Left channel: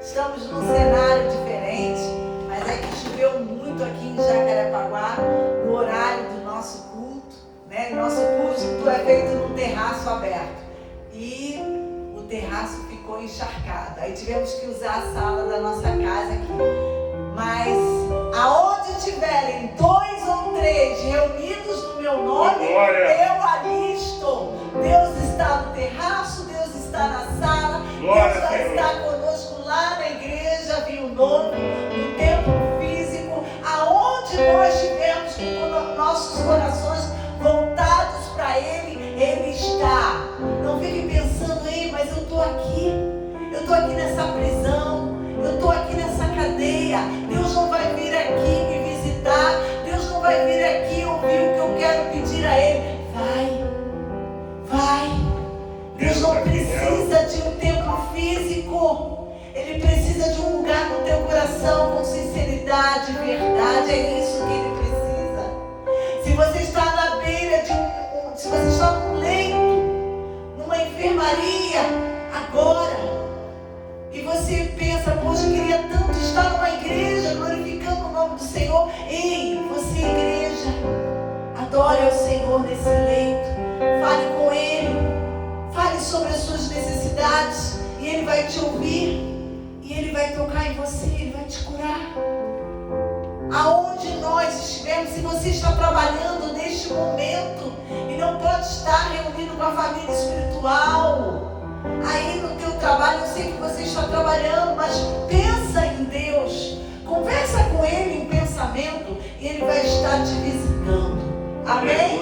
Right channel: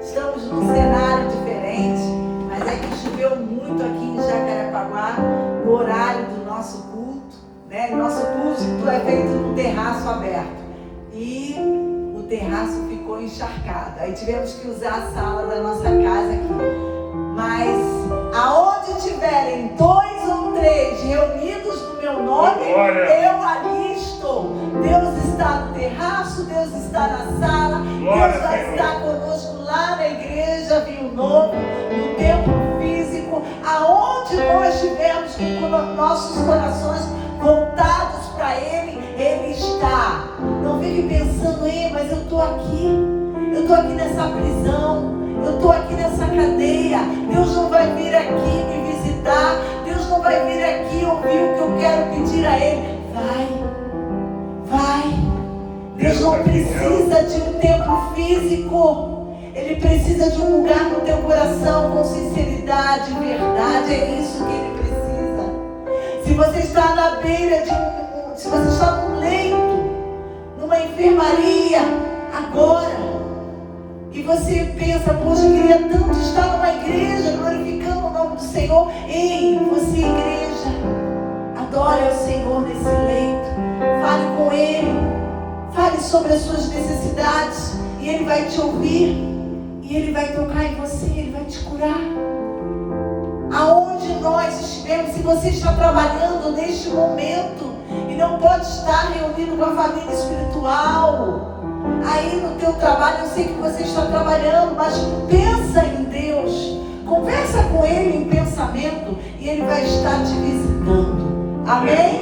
Estamos num cenário diferente, mas é que choveu muito aqui em Jacarepaguá, no horário do nosso culto, né? Nosso culto é feito num terraço aberto e o terraço ficou encharcado. Aí tivemos que usar a sala da nossa casa aqui. Mas aonde tiverem 2 ou 3 reunidos no meu nome, eu ali estou. Deus está no terraço, Deus está na sala, Deus vai estar conosco lá na igreja Rio Novo, no templo físico, aonde nós estivermos com nossos corações voltados para Ele, Ele está. Não fique pensando, mas eu estou aqui nessa prisão, eu estou aqui nessa cadeia, Deus não vai vir aqui me visitar, Deus não vai vir aqui ouvir o que eu quero pedir a Ele. Vai. Deus não precisa de um templo físico, Ele precisa de um lugar no teu coração com sinceridade, verdade. É isso que Ele precisa. Se você está na beira se você está num leito, numa enfermaria agora, e você pensa, poxa, eu queria tanto estar numa igreja glorificando o nome do Senhor. Ei, você, igreja, adore ao Senhor nesse leito, fale com Ele, fale sobre as suas necessidades, e Ele vai te ouvir, e Ele vai tocar em você, Ele vai te curar. Aonde nós estivermos, se você está trabalhando neste momento e não pode estar reunido com a família espiritual, aí no teu trabalho, eu sei que você está trabalhando, mas pensa em Deus, conversa com Ele em pensamento, e Ele vai estar te visitando. Amém?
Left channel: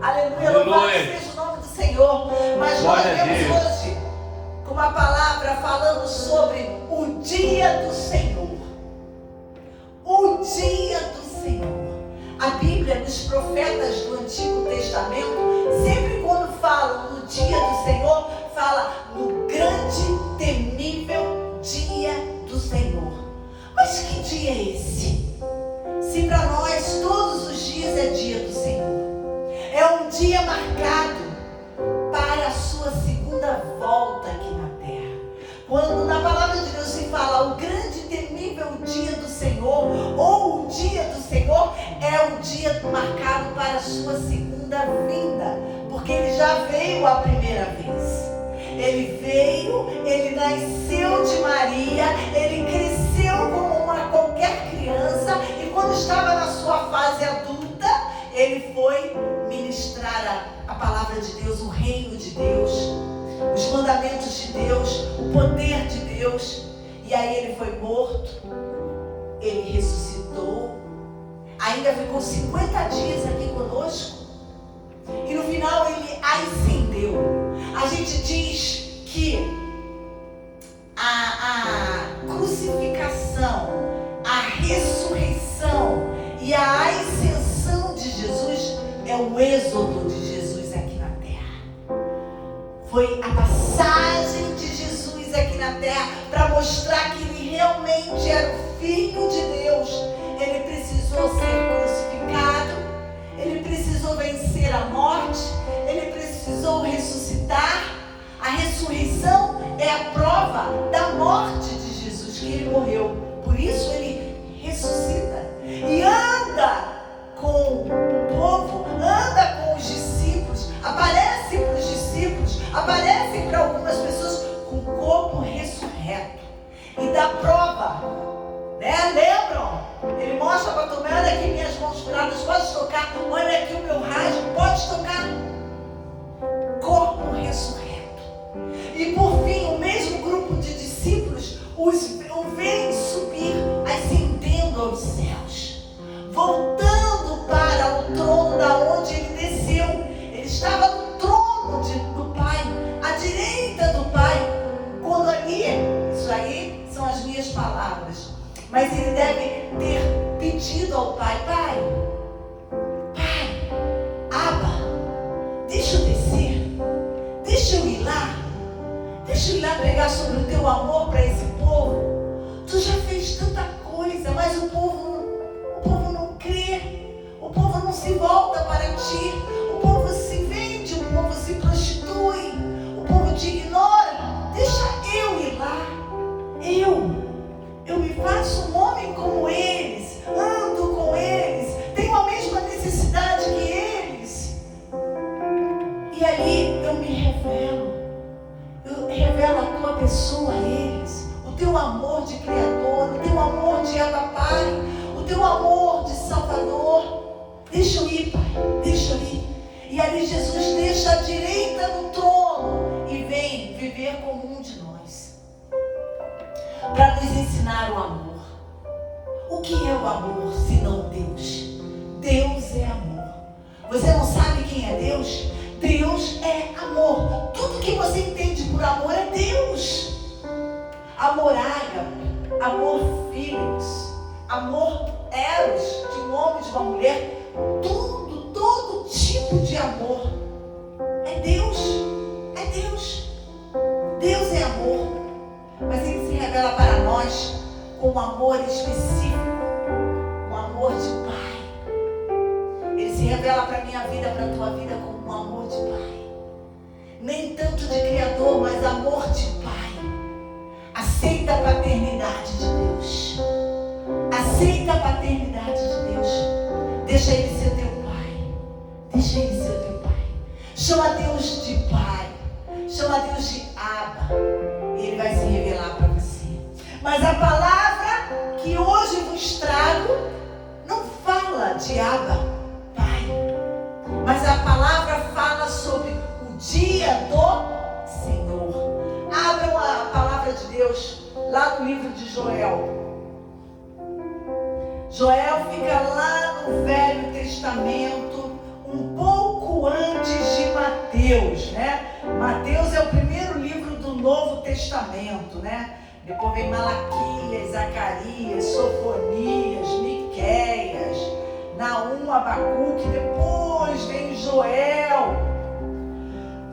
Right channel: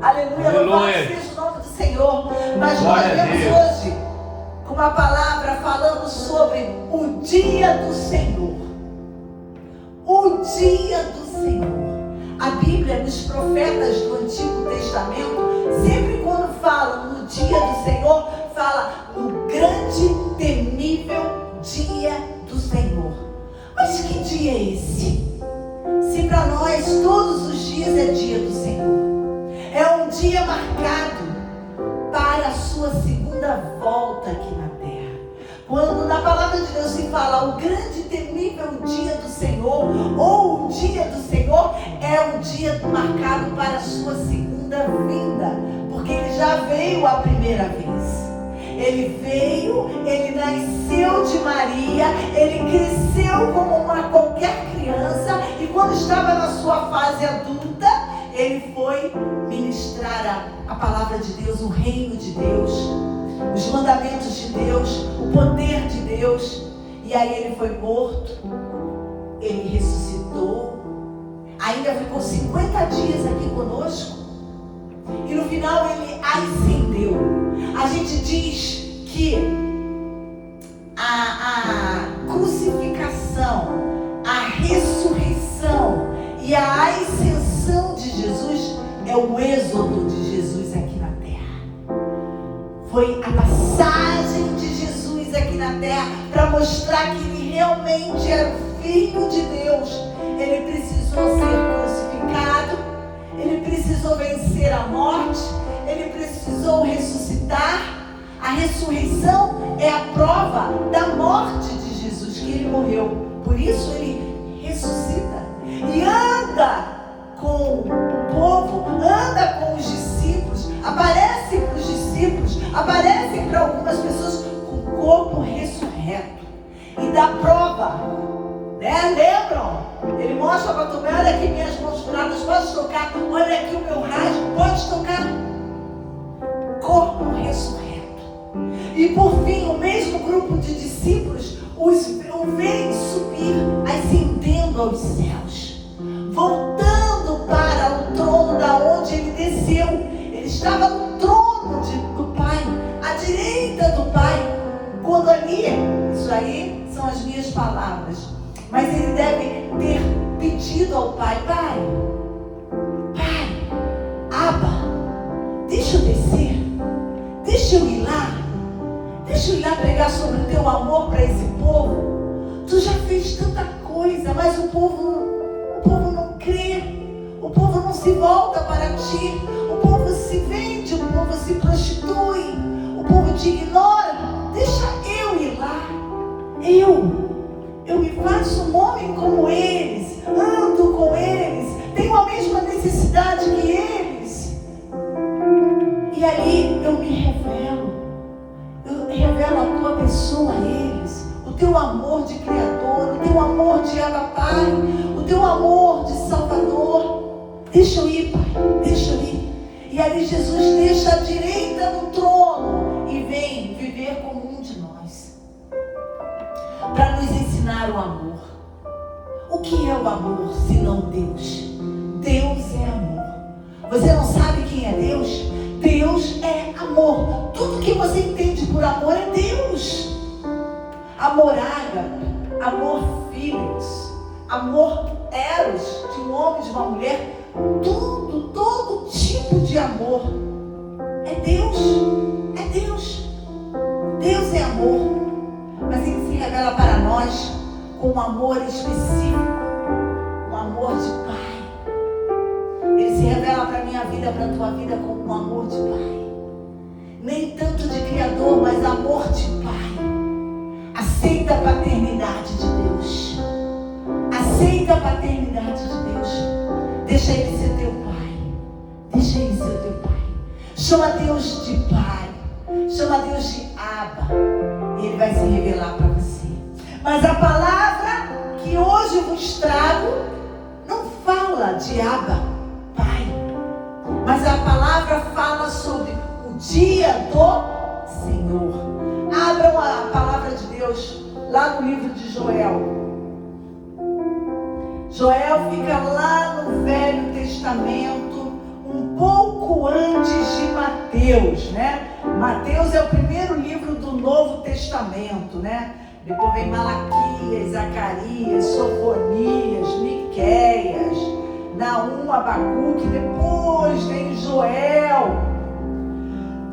Aleluia. Louvado seja o nome do Senhor. Mas nós vemos hoje com uma palavra falando sobre o dia do Senhor. O dia do Senhor. A Bíblia, nos profetas do Antigo Testamento, sempre quando falam no dia do Senhor, fala do grande, temível dia do Senhor. Mas que dia é esse? Se para nós todos os dias é dia do Senhor. É um dia marcado para a sua segunda volta aqui na terra. Quando na palavra de Deus se fala o grande, temível dia do Senhor, ou o dia do Senhor, é o dia marcado para a sua segunda vinda, porque Ele já veio a primeira vez. Ele veio, Ele nasceu de Maria, Ele cresceu como qualquer criança, e quando estava na sua fase adulta, Ele foi ministrar a palavra de Deus, o reino de Deus, os mandamentos de Deus, o poder de Deus. E aí Ele foi morto, Ele ressuscitou, ainda ficou 50 dias aqui conosco, e no final Ele ascendeu. A gente diz que a crucificação, a ressurreição e a ascensão de Jesus é o êxodo de Jesus aqui na terra. Foi a passagem de Jesus aqui na terra para mostrar que Ele realmente era o Filho de Deus. Ele precisou ser crucificado, Ele precisou vencer a morte, Ele precisou ressuscitar. A ressurreição é a prova da morte de Jesus, que Ele morreu. Por isso Ele ressuscita e anda com o povo, anda com os discípulos, aparece para os discípulos, aparece para algumas pessoas com o corpo ressurreto, e dá prova, né? Lembram? Ele mostra para Tomé: olha aqui minhas mãos curadas, pode tocar, olha aqui o meu rasgo, pode tocar. Corpo ressurreto. E por fim, o mesmo grupo de discípulos o veem subir, ascendendo aos céus, voltando para o trono da onde Ele desceu. Ele estava no trono do Pai, à direita do Pai. Quando ali, isso aí são as minhas palavras, mas Ele deve ter pedido ao Pai: Pai, Abba, deixa eu descer, deixa eu ir lá pregar sobre o teu amor para esse povo. Tu já fez tanta coisa, mas o povo não crê, o povo não se volta para ti, o povo se vende, o povo se prostitui, o povo te ignora. Deixa eu ir lá. amor de Criador, o teu amor de Abba Pai, o teu amor de Salvador. Deixa eu ir, Pai, deixa eu ir. E aí Jesus deixa a direita no trono e vem viver como um de nós, para nos ensinar o amor. O que é o amor, senão Deus? Deus é amor. Você não sabe quem é Deus? Deus é amor. Tudo que você entende por amor é Deus. Amor ágape, amor filhos, amor eros, de um homem e de uma mulher. Tudo, todo tipo de amor é Deus. É Deus. Deus é amor. Mas Ele se revela para nós com um amor específico, um amor de Pai. Ele se revela para a minha vida, para a tua vida, como um amor de Pai. Nem tanto de Criador, mas amor de Pai. Aceita a paternidade de Deus. Aceita a paternidade de Deus. Deixa Ele ser teu Pai. Deixa Ele ser teu Pai. Chama Deus de Pai. Chama Deus de Abba. Ele vai se revelar para você. Mas a palavra que hoje vos trago não fala de Abba, Pai. Mas a palavra fala sobre o dia do Senhor. Abra a palavra de Deus lá no livro de Joel. Joel fica lá no Velho Testamento, um pouco antes de Mateus, né? Mateus é o primeiro livro do Novo Testamento, né? Depois vem Malaquias, Zacarias, Sofonias, Miqueias, Naum, Abacuque, depois vem Joel.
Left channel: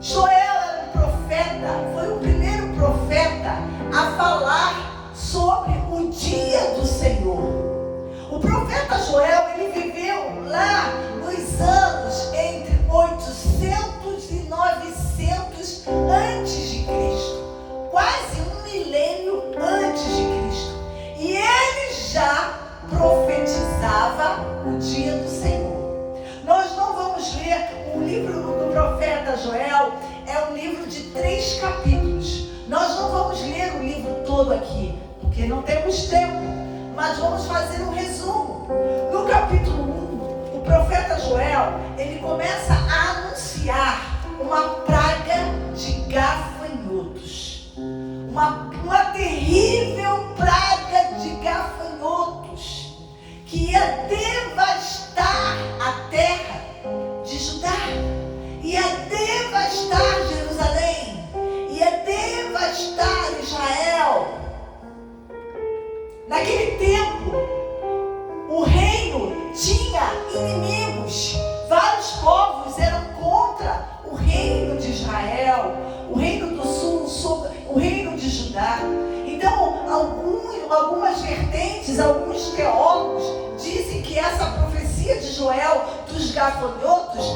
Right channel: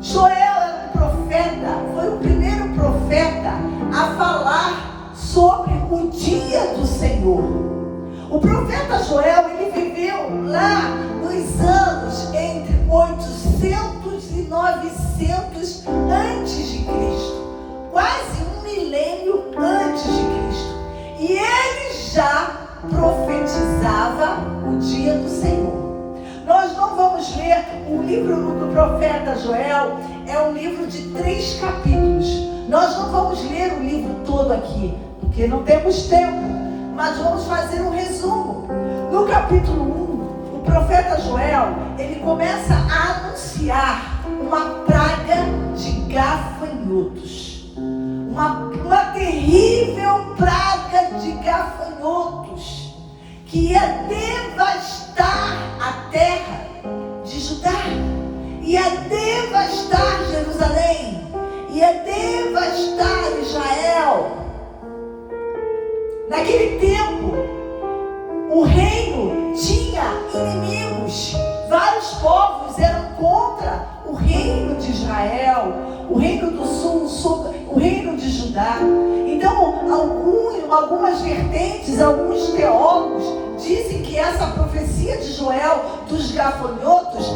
Joel era um profeta, foi o primeiro profeta a falar sobre o dia do Senhor. O profeta Joel, ele viveu lá nos anos entre 800 e 900 antes de Cristo. Quase um milênio antes de Cristo. E ele já profetizava o dia do Senhor. Nós não vamos ler o livro do profeta Joel, é um livro de 3 capítulos. Nós não vamos ler o livro todo aqui, porque não temos tempo. Mas vamos fazer um resumo. No capítulo 1, o profeta Joel, ele começa a anunciar uma praga de gafanhotos. Uma terrível praga de gafanhotos que ia devastar a terra de Judá, ia devastar Jerusalém, ia devastar Israel. Naquele tempo, o reino tinha inimigos. Vários povos eram contra o reino de Israel, o reino do sul, o reino de Judá. Então, algumas vertentes, alguns teólogos dizem que essa profecia de Joel dos gafanhotos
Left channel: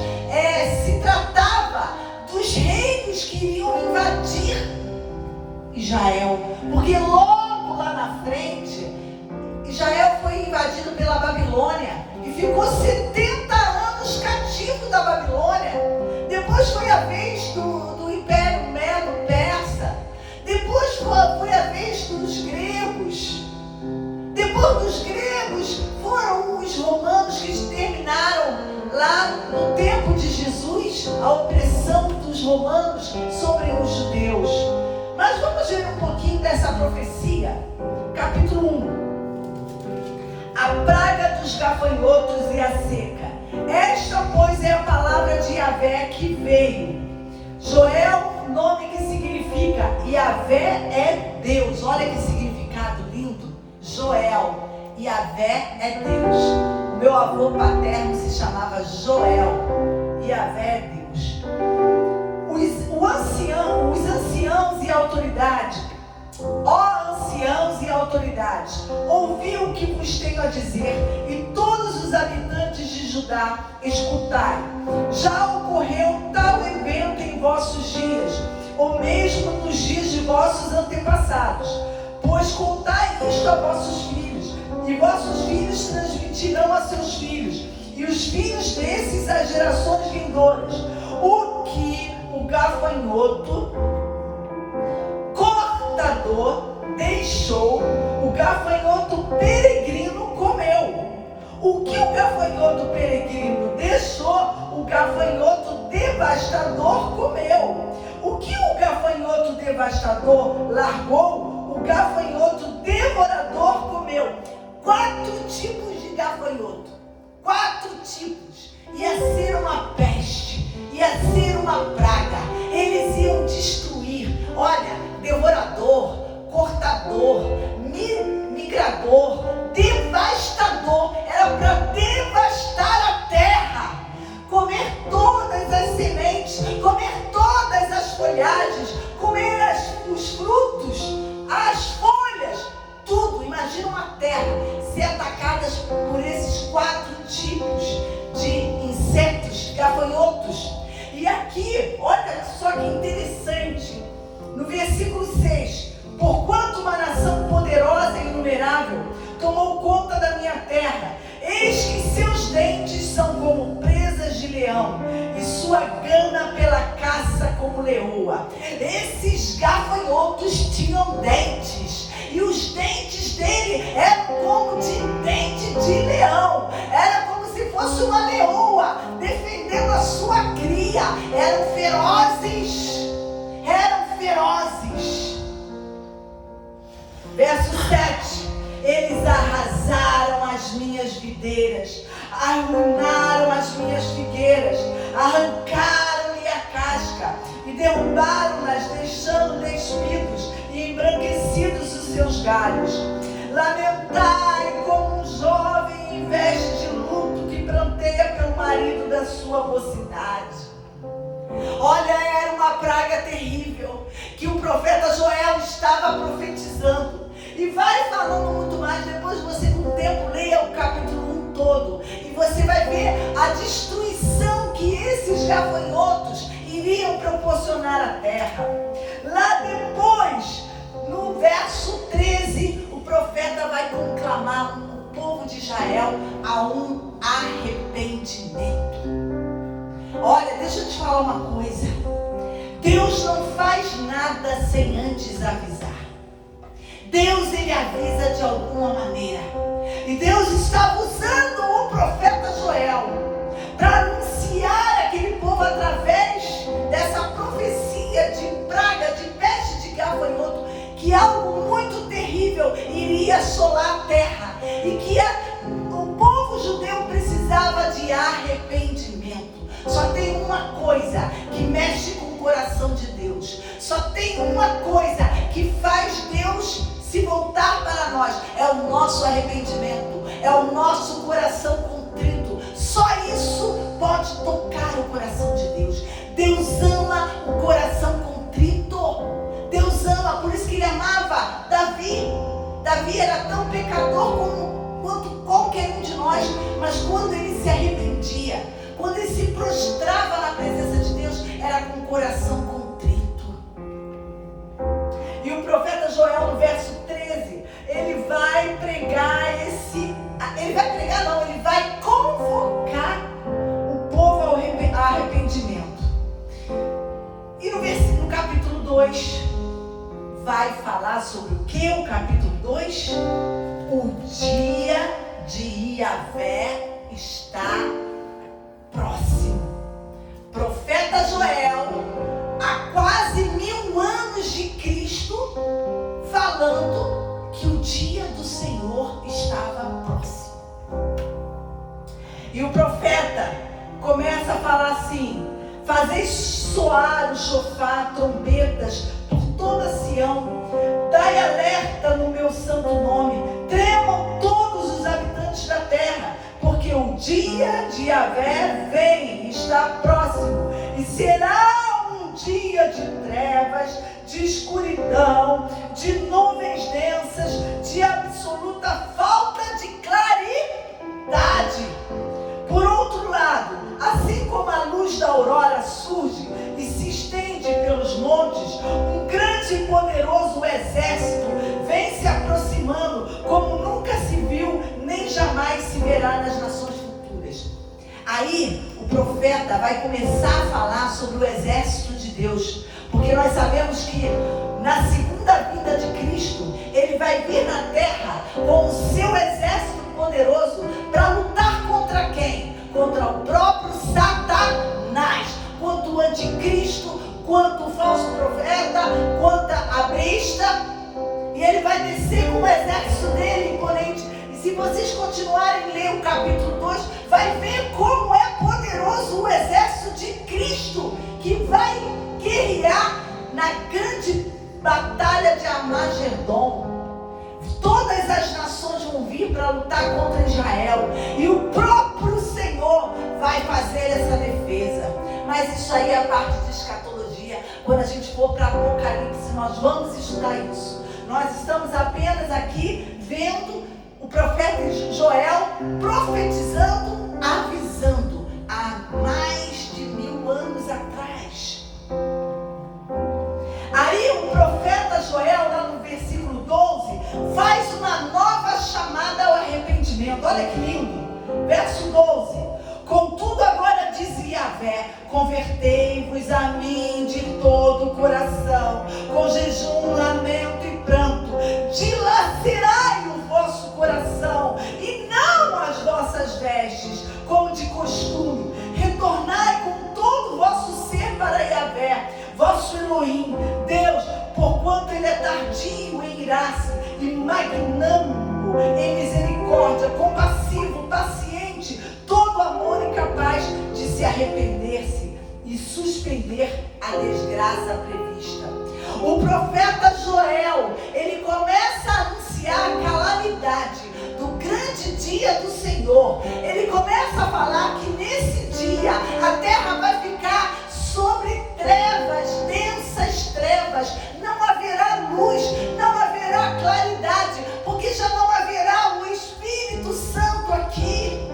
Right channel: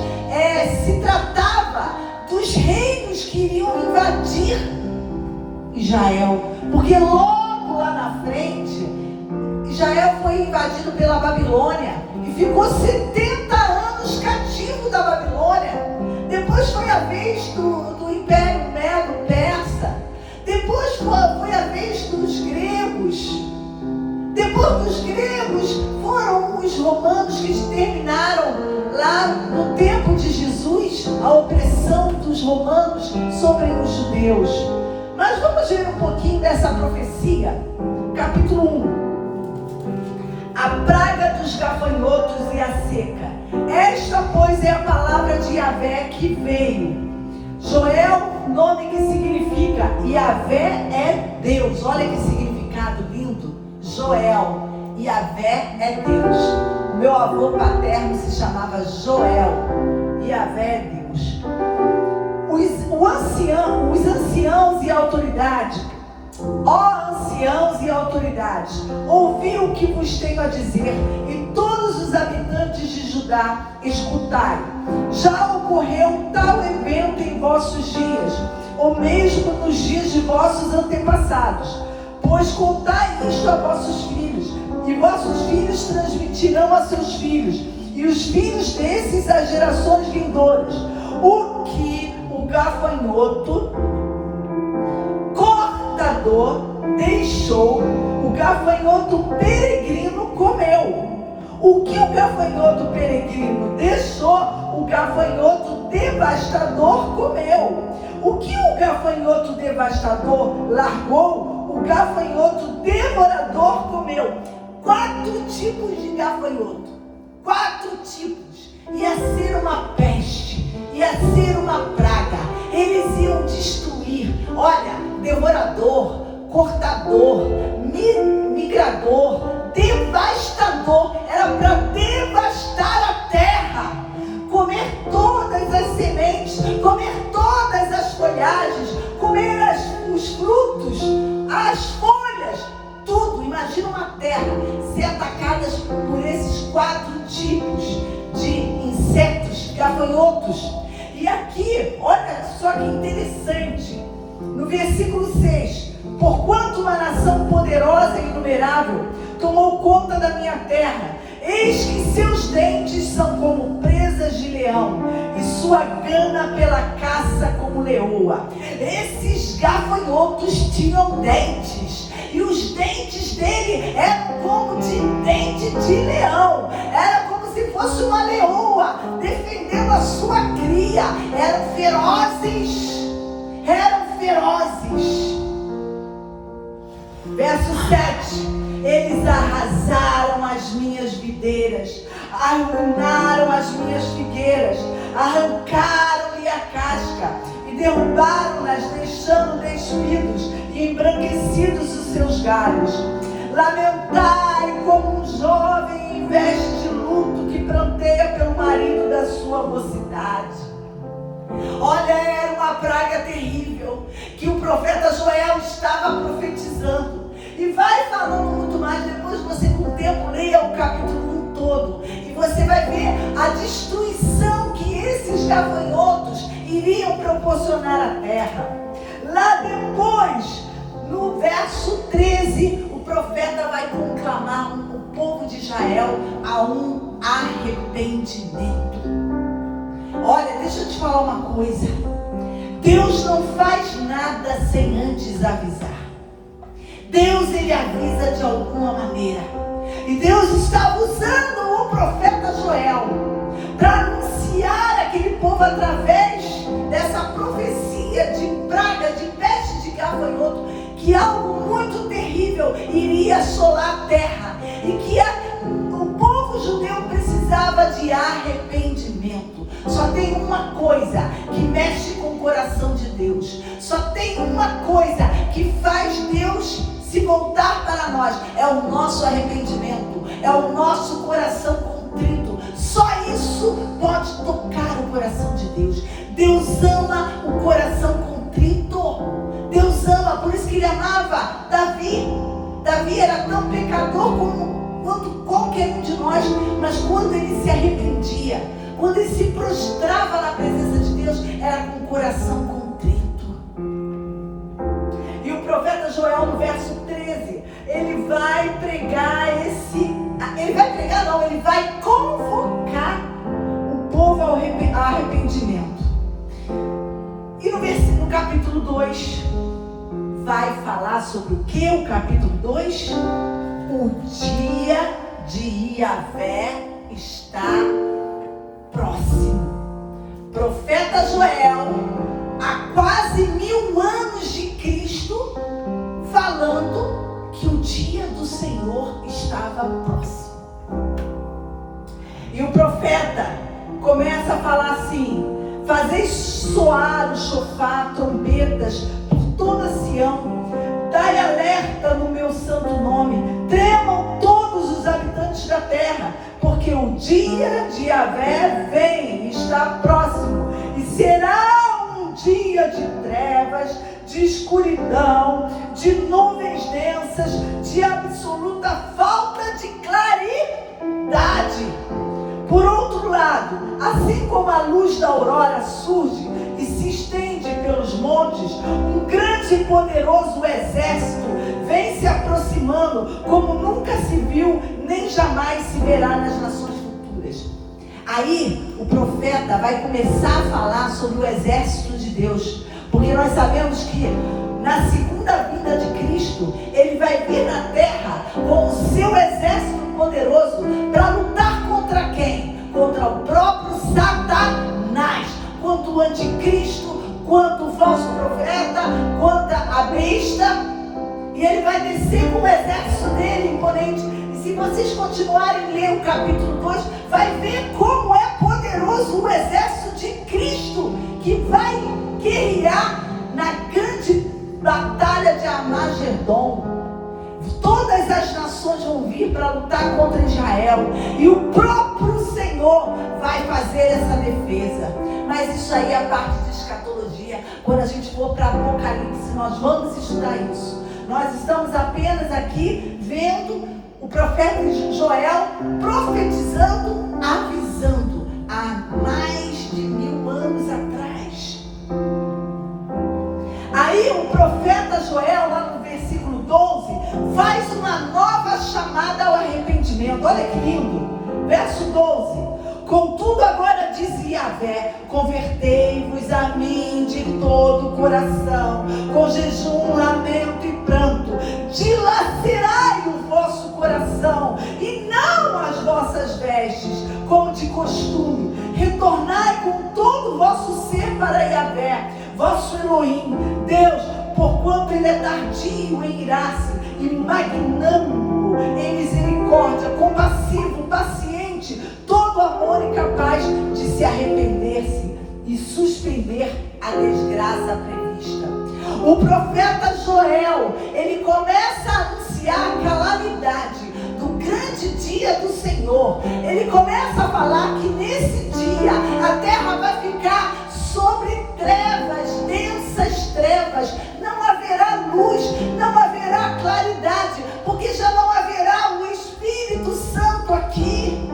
se tratava dos reinos que iriam invadir Israel. Porque logo lá na frente, Israel foi invadido pela Babilônia e ficou 70 anos cativo da Babilônia. Depois foi a vez do Império Medo-Persa. Depois foi a vez dos gregos. Depois dos gregos foram os romanos que exterminaram lá no tempo de Jesus a opressão dos romanos sobre os judeus. Mas vamos ver um pouquinho dessa profecia. Capítulo 1. A praga dos gafanhotos e a seca. Esta, pois, é a palavra de Yahvé que veio. Joel, nome que significa Yahvé é Deus. Olha que significado lindo. Joel, Yahvé é Deus. O meu avô paterno se chamava Joel. Yahvé é Deus. Os anciãos e autoridades, ó anciãos e autoridades, ouvi o que vos tenho a dizer, e todos os habitantes de Judá, escutai. Já ocorreu tal evento em vossos dias, ou mesmo nos dias de vossos antepassados. Pois contai isto a vossos filhos, e vossos filhos transmitirão a seus filhos, e os filhos desses às gerações vindouras, o que o gafanhoto cortador deixou deixou, o gafanhoto peregrino comeu. O que o gafanhoto peregrino deixou, o gafanhoto devastador comeu. O que o gafanhoto devastador largou, o gafanhoto devorador comeu. 4 tipos de gafanhoto. 4 tipos. Ia ser uma peste, ia ser uma praga. Eles iam destruir. Olha, devorador, cortador, migrador, devastador. Era para devastar a terra, comer todas as sementes, comer todas as folhagens, comer os frutos, as folhas, tudo. Imagina uma terra ser atacada por esses 4 tipos de insetos, gafanhotos. E aqui, olha só que interessante, no versículo 6: porquanto uma nação poderosa e inumerável tomou conta da minha terra, eis que seus dentes são como presas de leão, e sua gana pela caça como leoa. Esses gafanhotos tinham dentes, e os dentes dele eram como de dente de leão. Era como se fosse uma leoa defendendo a sua cria. Eram ferozes. Verso 7: eles arrasaram as minhas videiras, arruinaram as minhas figueiras, arrancaram-lhe a casca e derrubaram-nas, deixando despidos e embranquecidos os seus galhos. Lamentai como um jovem em veste de luto que pranteia pelo marido da sua mocidade. Olha, era uma praga terrível que o profeta Joel estava profetizando. E vai falando muito mais. Depois você, com o tempo, leia o capítulo 1 todo. E você vai ver a destruição que esses gafanhotos iriam proporcionar à terra. Lá depois, no verso 13, o profeta vai conclamar o povo de Israel a um arrependimento. Olha, deixa eu te falar uma coisa. Deus não faz nada sem antes avisar. Deus, ele avisa de alguma maneira. E Deus estava usando o profeta Joel para anunciar aquele povo através dessa profecia de praga, de peste, de gafanhoto, que algo muito terrível iria assolar a terra. E que o povo judeu precisava de arrependimento. Só tem uma coisa que mexe com o coração de Deus. Só tem uma coisa que faz Deus se voltar para nós. É o nosso arrependimento. É o nosso coração contrito. Só isso pode tocar o coração de Deus. Deus ama o coração contrito. Deus ama, por isso que ele amava Davi. Davi era tão pecador quanto qualquer um de nós. Mas quando ele se arrependia, quando ele se prostrava na presença de Deus, era com o coração contrito. E o profeta Joel, no verso 13, ele vai pregar ele vai convocar o povo ao arrependimento. E no capítulo 2, vai falar sobre o que? O capítulo 2? O dia de Yahvé está próximo. Profeta Joel, há quase 1000 anos de Cristo, falando que o dia do Senhor estava próximo. E o profeta começa a falar assim: fazei soar o chofar, trombetas por toda Sião, dai alerta no meu santo nome, tremam todos os habitantes da terra, porque o dia de Yahvé vem, está próximo, e será um dia de trevas, de escuridão, de nuvens densas, de absoluta falta de claridade. Por outro lado, assim como a luz da aurora surge e se estende pelos montes, um grande e poderoso exército vem se aproximando, como nunca se viu, nem jamais se verá nas nações futuras. Aí o profeta vai começar a falar sobre o exército de Deus, porque nós sabemos que na segunda vinda de Cristo, Cristo, ele vai vir na terra com o seu exército poderoso para lutar contra quem? Contra o próprio Satanás, contra o anticristo, quanto o falso profeta, quanto a besta. E ele vai descer com o exército dele imponente. E se vocês continuarem a ler o capítulo 2, vai ver como é poderoso o exército de Cristo, que vai guerrear na grande batalha de Armagedon. Todas as nações vão vir para lutar contra Israel, e o próprio Senhor vai fazer essa defesa. Mas isso aí é a parte de escatologia. Quando a gente for para Apocalipse, nós vamos estudar isso. Nós estamos apenas aqui vendo o profeta Joel profetizando, avisando há mais de 1000 anos atrás. Aí o profeta Joel, lá no versículo 12, faz uma nova chamada ao arrependimento. Olha que lindo, verso 12: contudo agora diz Yahvé, convertei-vos a mim de todo o coração, com jejum, lamento e pranto, dilacerai o vosso coração, e não as vossas vestes, como de costume, retornai com todo o vosso ser para Yahvé, vosso Elohim, Deus, porquanto ele é tardio em irar-se, e magnânimo em misericórdia, compassivo, paciente, todo amor e capaz de se arrepender-se e suspender a desgraça prevista. O profeta Joel, ele começa a anunciar a calamidade do grande dia do Senhor. Ele começa a falar que nesse dia a terra vai ficar sobre trevas, densas trevas. Não haverá luz, não haverá claridade, porque já não haverá o Espírito Santo aqui.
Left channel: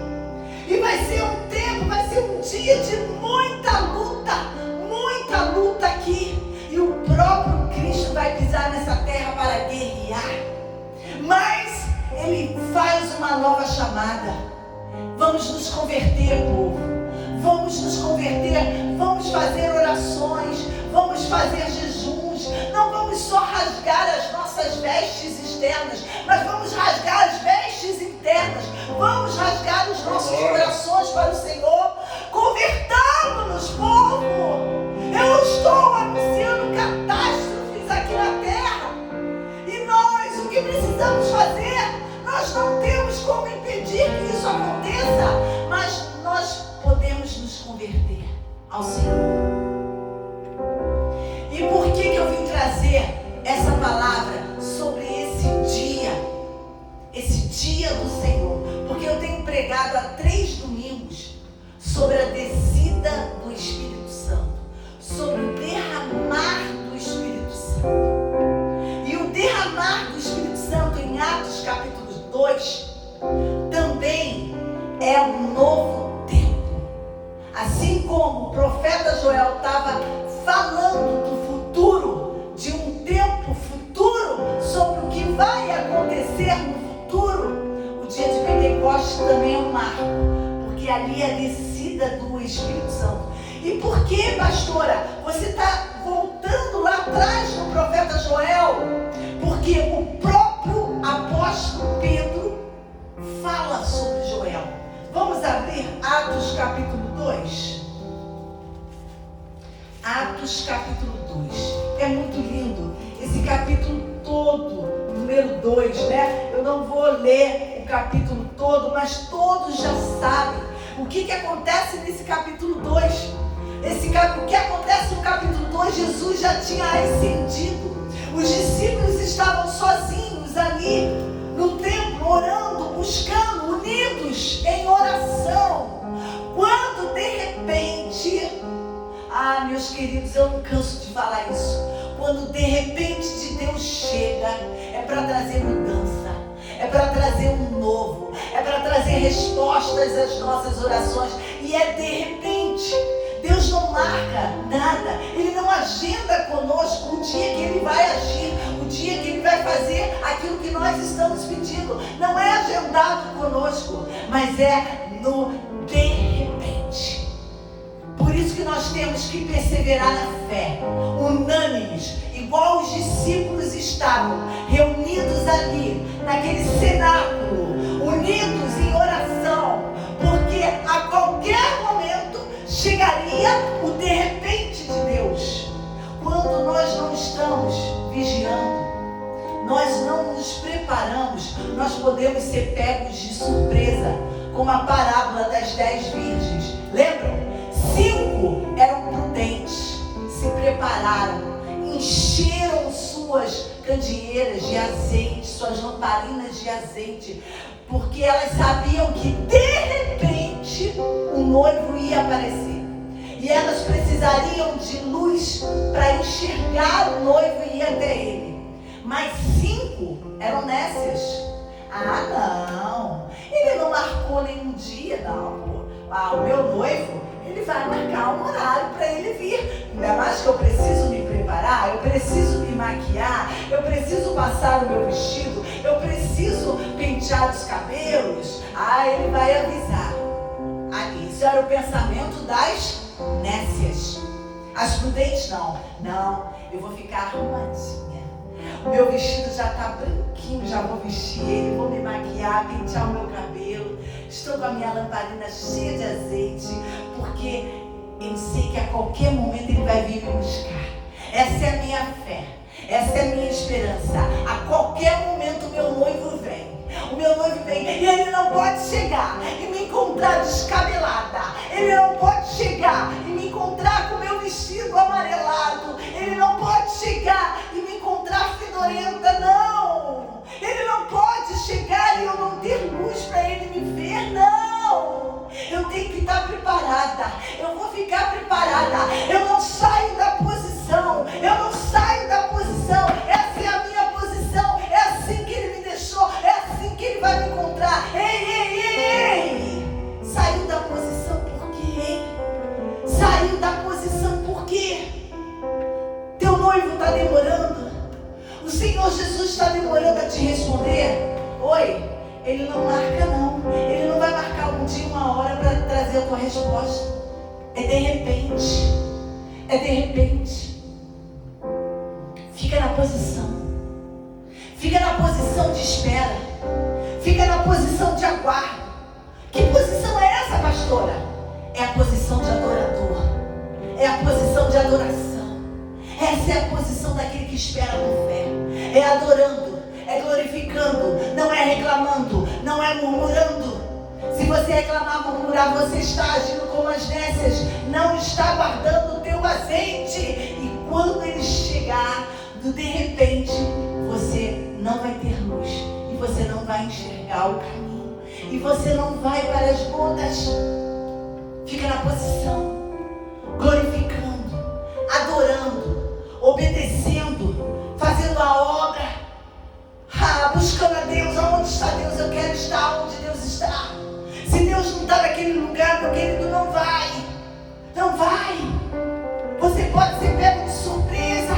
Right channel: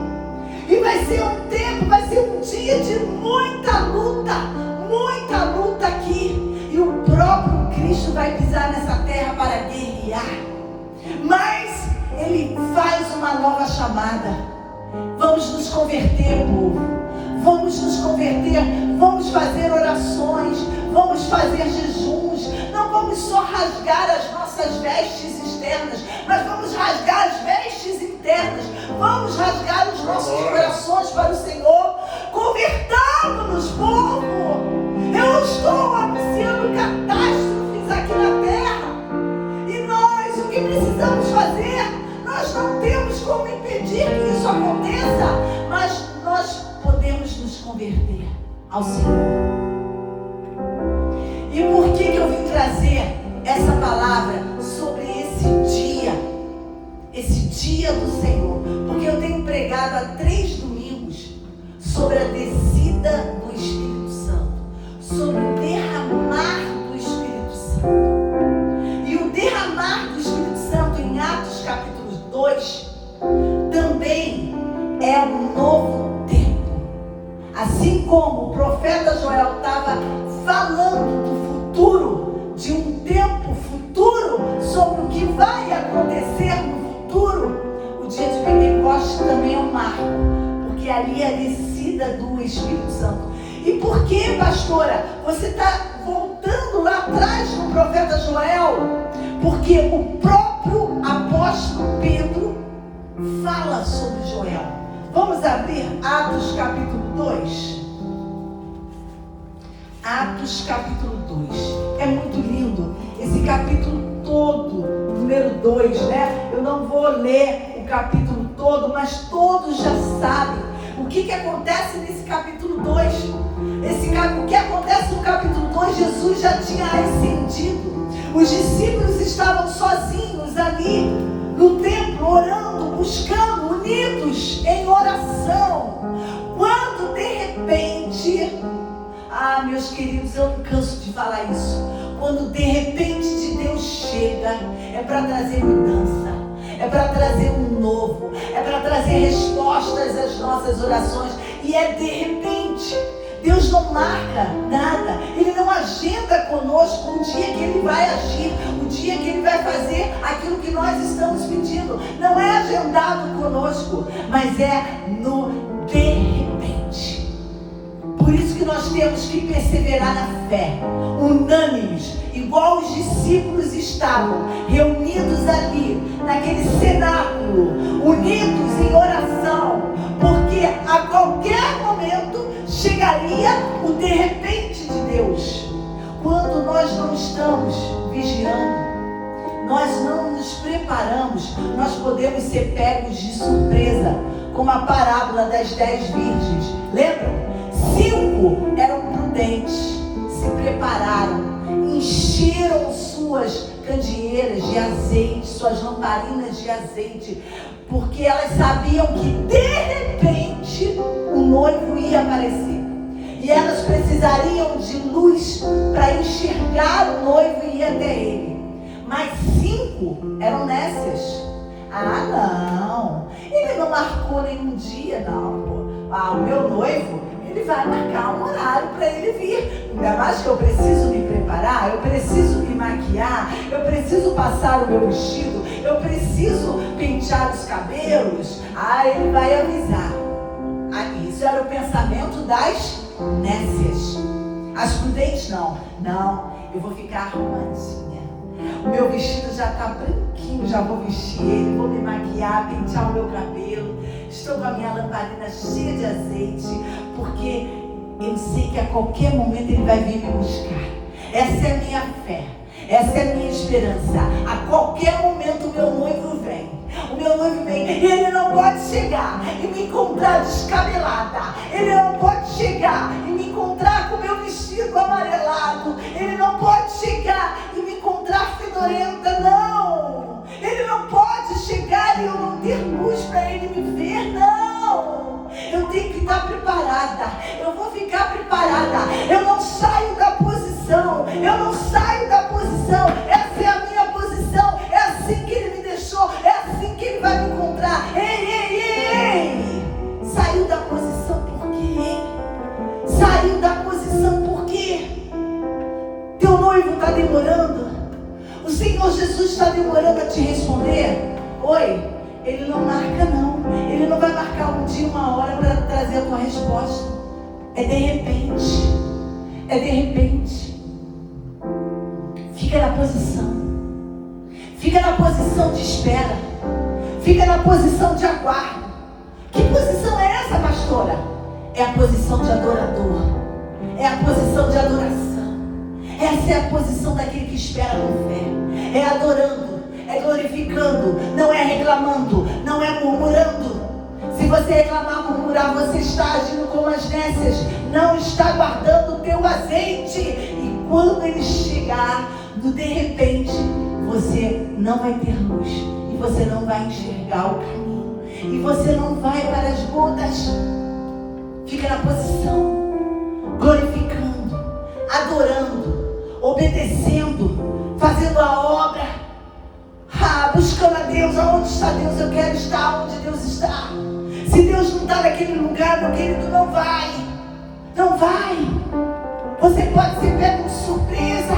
E vai ser um tempo, vai ser um dia de muita luta aqui. E o próprio Cristo vai pisar nessa terra para guerrear. Mas ele faz uma nova chamada. Vamos nos converter, povo. Vamos nos converter, vamos fazer orações, vamos fazer jejuns. Não vamos só rasgar as nossas vestes externas, mas vamos rasgar as vestes internas. Vamos rasgar os nossos corações para o Senhor. Convertamos-nos, povo. Eu não estou anunciando catástrofes aqui na terra. E nós, o que precisamos fazer? Nós não temos como impedir que isso aconteça, mas nós podemos nos converter ao Senhor. E por que eu vim trazer essa palavra sobre esse dia do Senhor? Porque eu tenho pregado há 3 domingos sobre a descida do Espírito Santo, sobre o derramar do Espírito Santo. E o derramar do Espírito Santo em Atos capítulo 2 também é um novo tempo. Assim como o profeta Joel estava falando do futuro, de um tempo futuro, sobre o que vai acontecer no futuro, o dia de Pentecostes também é um marco, porque ali é a descida do Espírito Santo. E por que, pastora, você está voltando lá atrás do profeta Joel? Porque o próprio apóstolo Pedro fala sobre Joel. Vamos abrir Atos capítulo 2. Atos capítulo 2. É muito lindo esse capítulo todo, número 2, né? Eu não vou ler o capítulo todo, mas todos já sabem o que acontece nesse capítulo 2. O que acontece no capítulo 2, Jesus já tinha ascendido. Os discípulos estavam sozinhos ali no templo, orando, buscando, unidos em oração. Quando de repente, meus queridos, eu não canso de falar isso. Quando de repente de Deus chega, é para trazer mudança, é para trazer um novo, é para trazer respostas às nossas orações. E é de repente. Deus não marca nada, Ele não agenda conosco o dia que Ele vai agir, o dia que Ele vai fazer aquilo que nós estamos pedindo. Não é agendado conosco, mas é no de repente. Por isso que nós temos que perseverar na fé, unânimes, igual os discípulos estavam reunidos ali, naquele cenáculo, unidos em oração, porque a qualquer momento chegaria o de repente de Deus. Quando nós não estamos vigiando, nós não nos preparamos, nós podemos ser pegos de surpresa, como a parábola das 10 virgens. Lembram? 5 eram prudentes, se prepararam, encheram suas candeeiras de azeite, suas lamparinas de azeite, porque elas sabiam que de repente o noivo ia aparecer. E elas precisariam de luz para enxergar o noivo e ir até ele. Mas 5 eram nécias. Não, ele não marcou nenhum dia, não. O meu noivo, ele vai marcar um horário para ele vir. Ainda mais que eu preciso me preparar, eu preciso me maquiar, eu preciso passar o meu vestido, eu preciso pentear os cabelos. Ele vai avisar. Isso era o pensamento das nécias. As prudentes não, eu vou ficar arrumadinha, o meu vestido já está branquinho, já vou vestir ele, vou me maquiar, pentear o meu cabelo, estou com a minha lamparina cheia de azeite, porque eu sei que a qualquer momento ele vai vir me buscar. Essa é a minha fé, essa é a minha esperança. A qualquer momento o meu noivo vem. O meu noivo vem e ele não pode chegar e me encontrar descabelada. Ele não pode chegar e me encontrar com o meu vestido amarelado. Ele não pode chegar e me encontrar fedorenta, não. Ele não pode chegar e eu não ter luz para ele me ver, não. Eu tenho que estar preparada. Eu vou ficar preparada. Eu não saio da posição. Eu não saio da posição. Essa é a minha posição. É assim que ele me deixou. É assim que ele vai me encontrar. Ei! Saiu da posição por quê? Saiu da posição por quê? Teu noivo está demorando. O Senhor Jesus está demorando a te responder. Oi, ele não marca não. Ele não vai marcar um dia, uma hora para trazer a tua resposta. É de repente. É de repente. Fica na posição. Fica na posição de espera. Fica na posição de aguardo. Que posição é essa, pastora? É a posição de adorador. É a posição de adoração. Essa é a posição daquele que espera com fé. É adorando, é glorificando, não é reclamando, não é murmurando. Se você reclamar, murmurar, você está agindo como as nécias, não está guardando o teu azeite. E quando ele chegar, de repente, você não vai ter luz, e você não vai enxergar o caminho, e você não vai para as bodas. Fica na posição, glorificando, adorando, obedecendo, fazendo a obra, buscando a Deus. Aonde está Deus? Eu quero estar onde Deus está. Se Deus não está naquele lugar, meu querido, não vai. Não vai. Você pode ser pego de surpresa.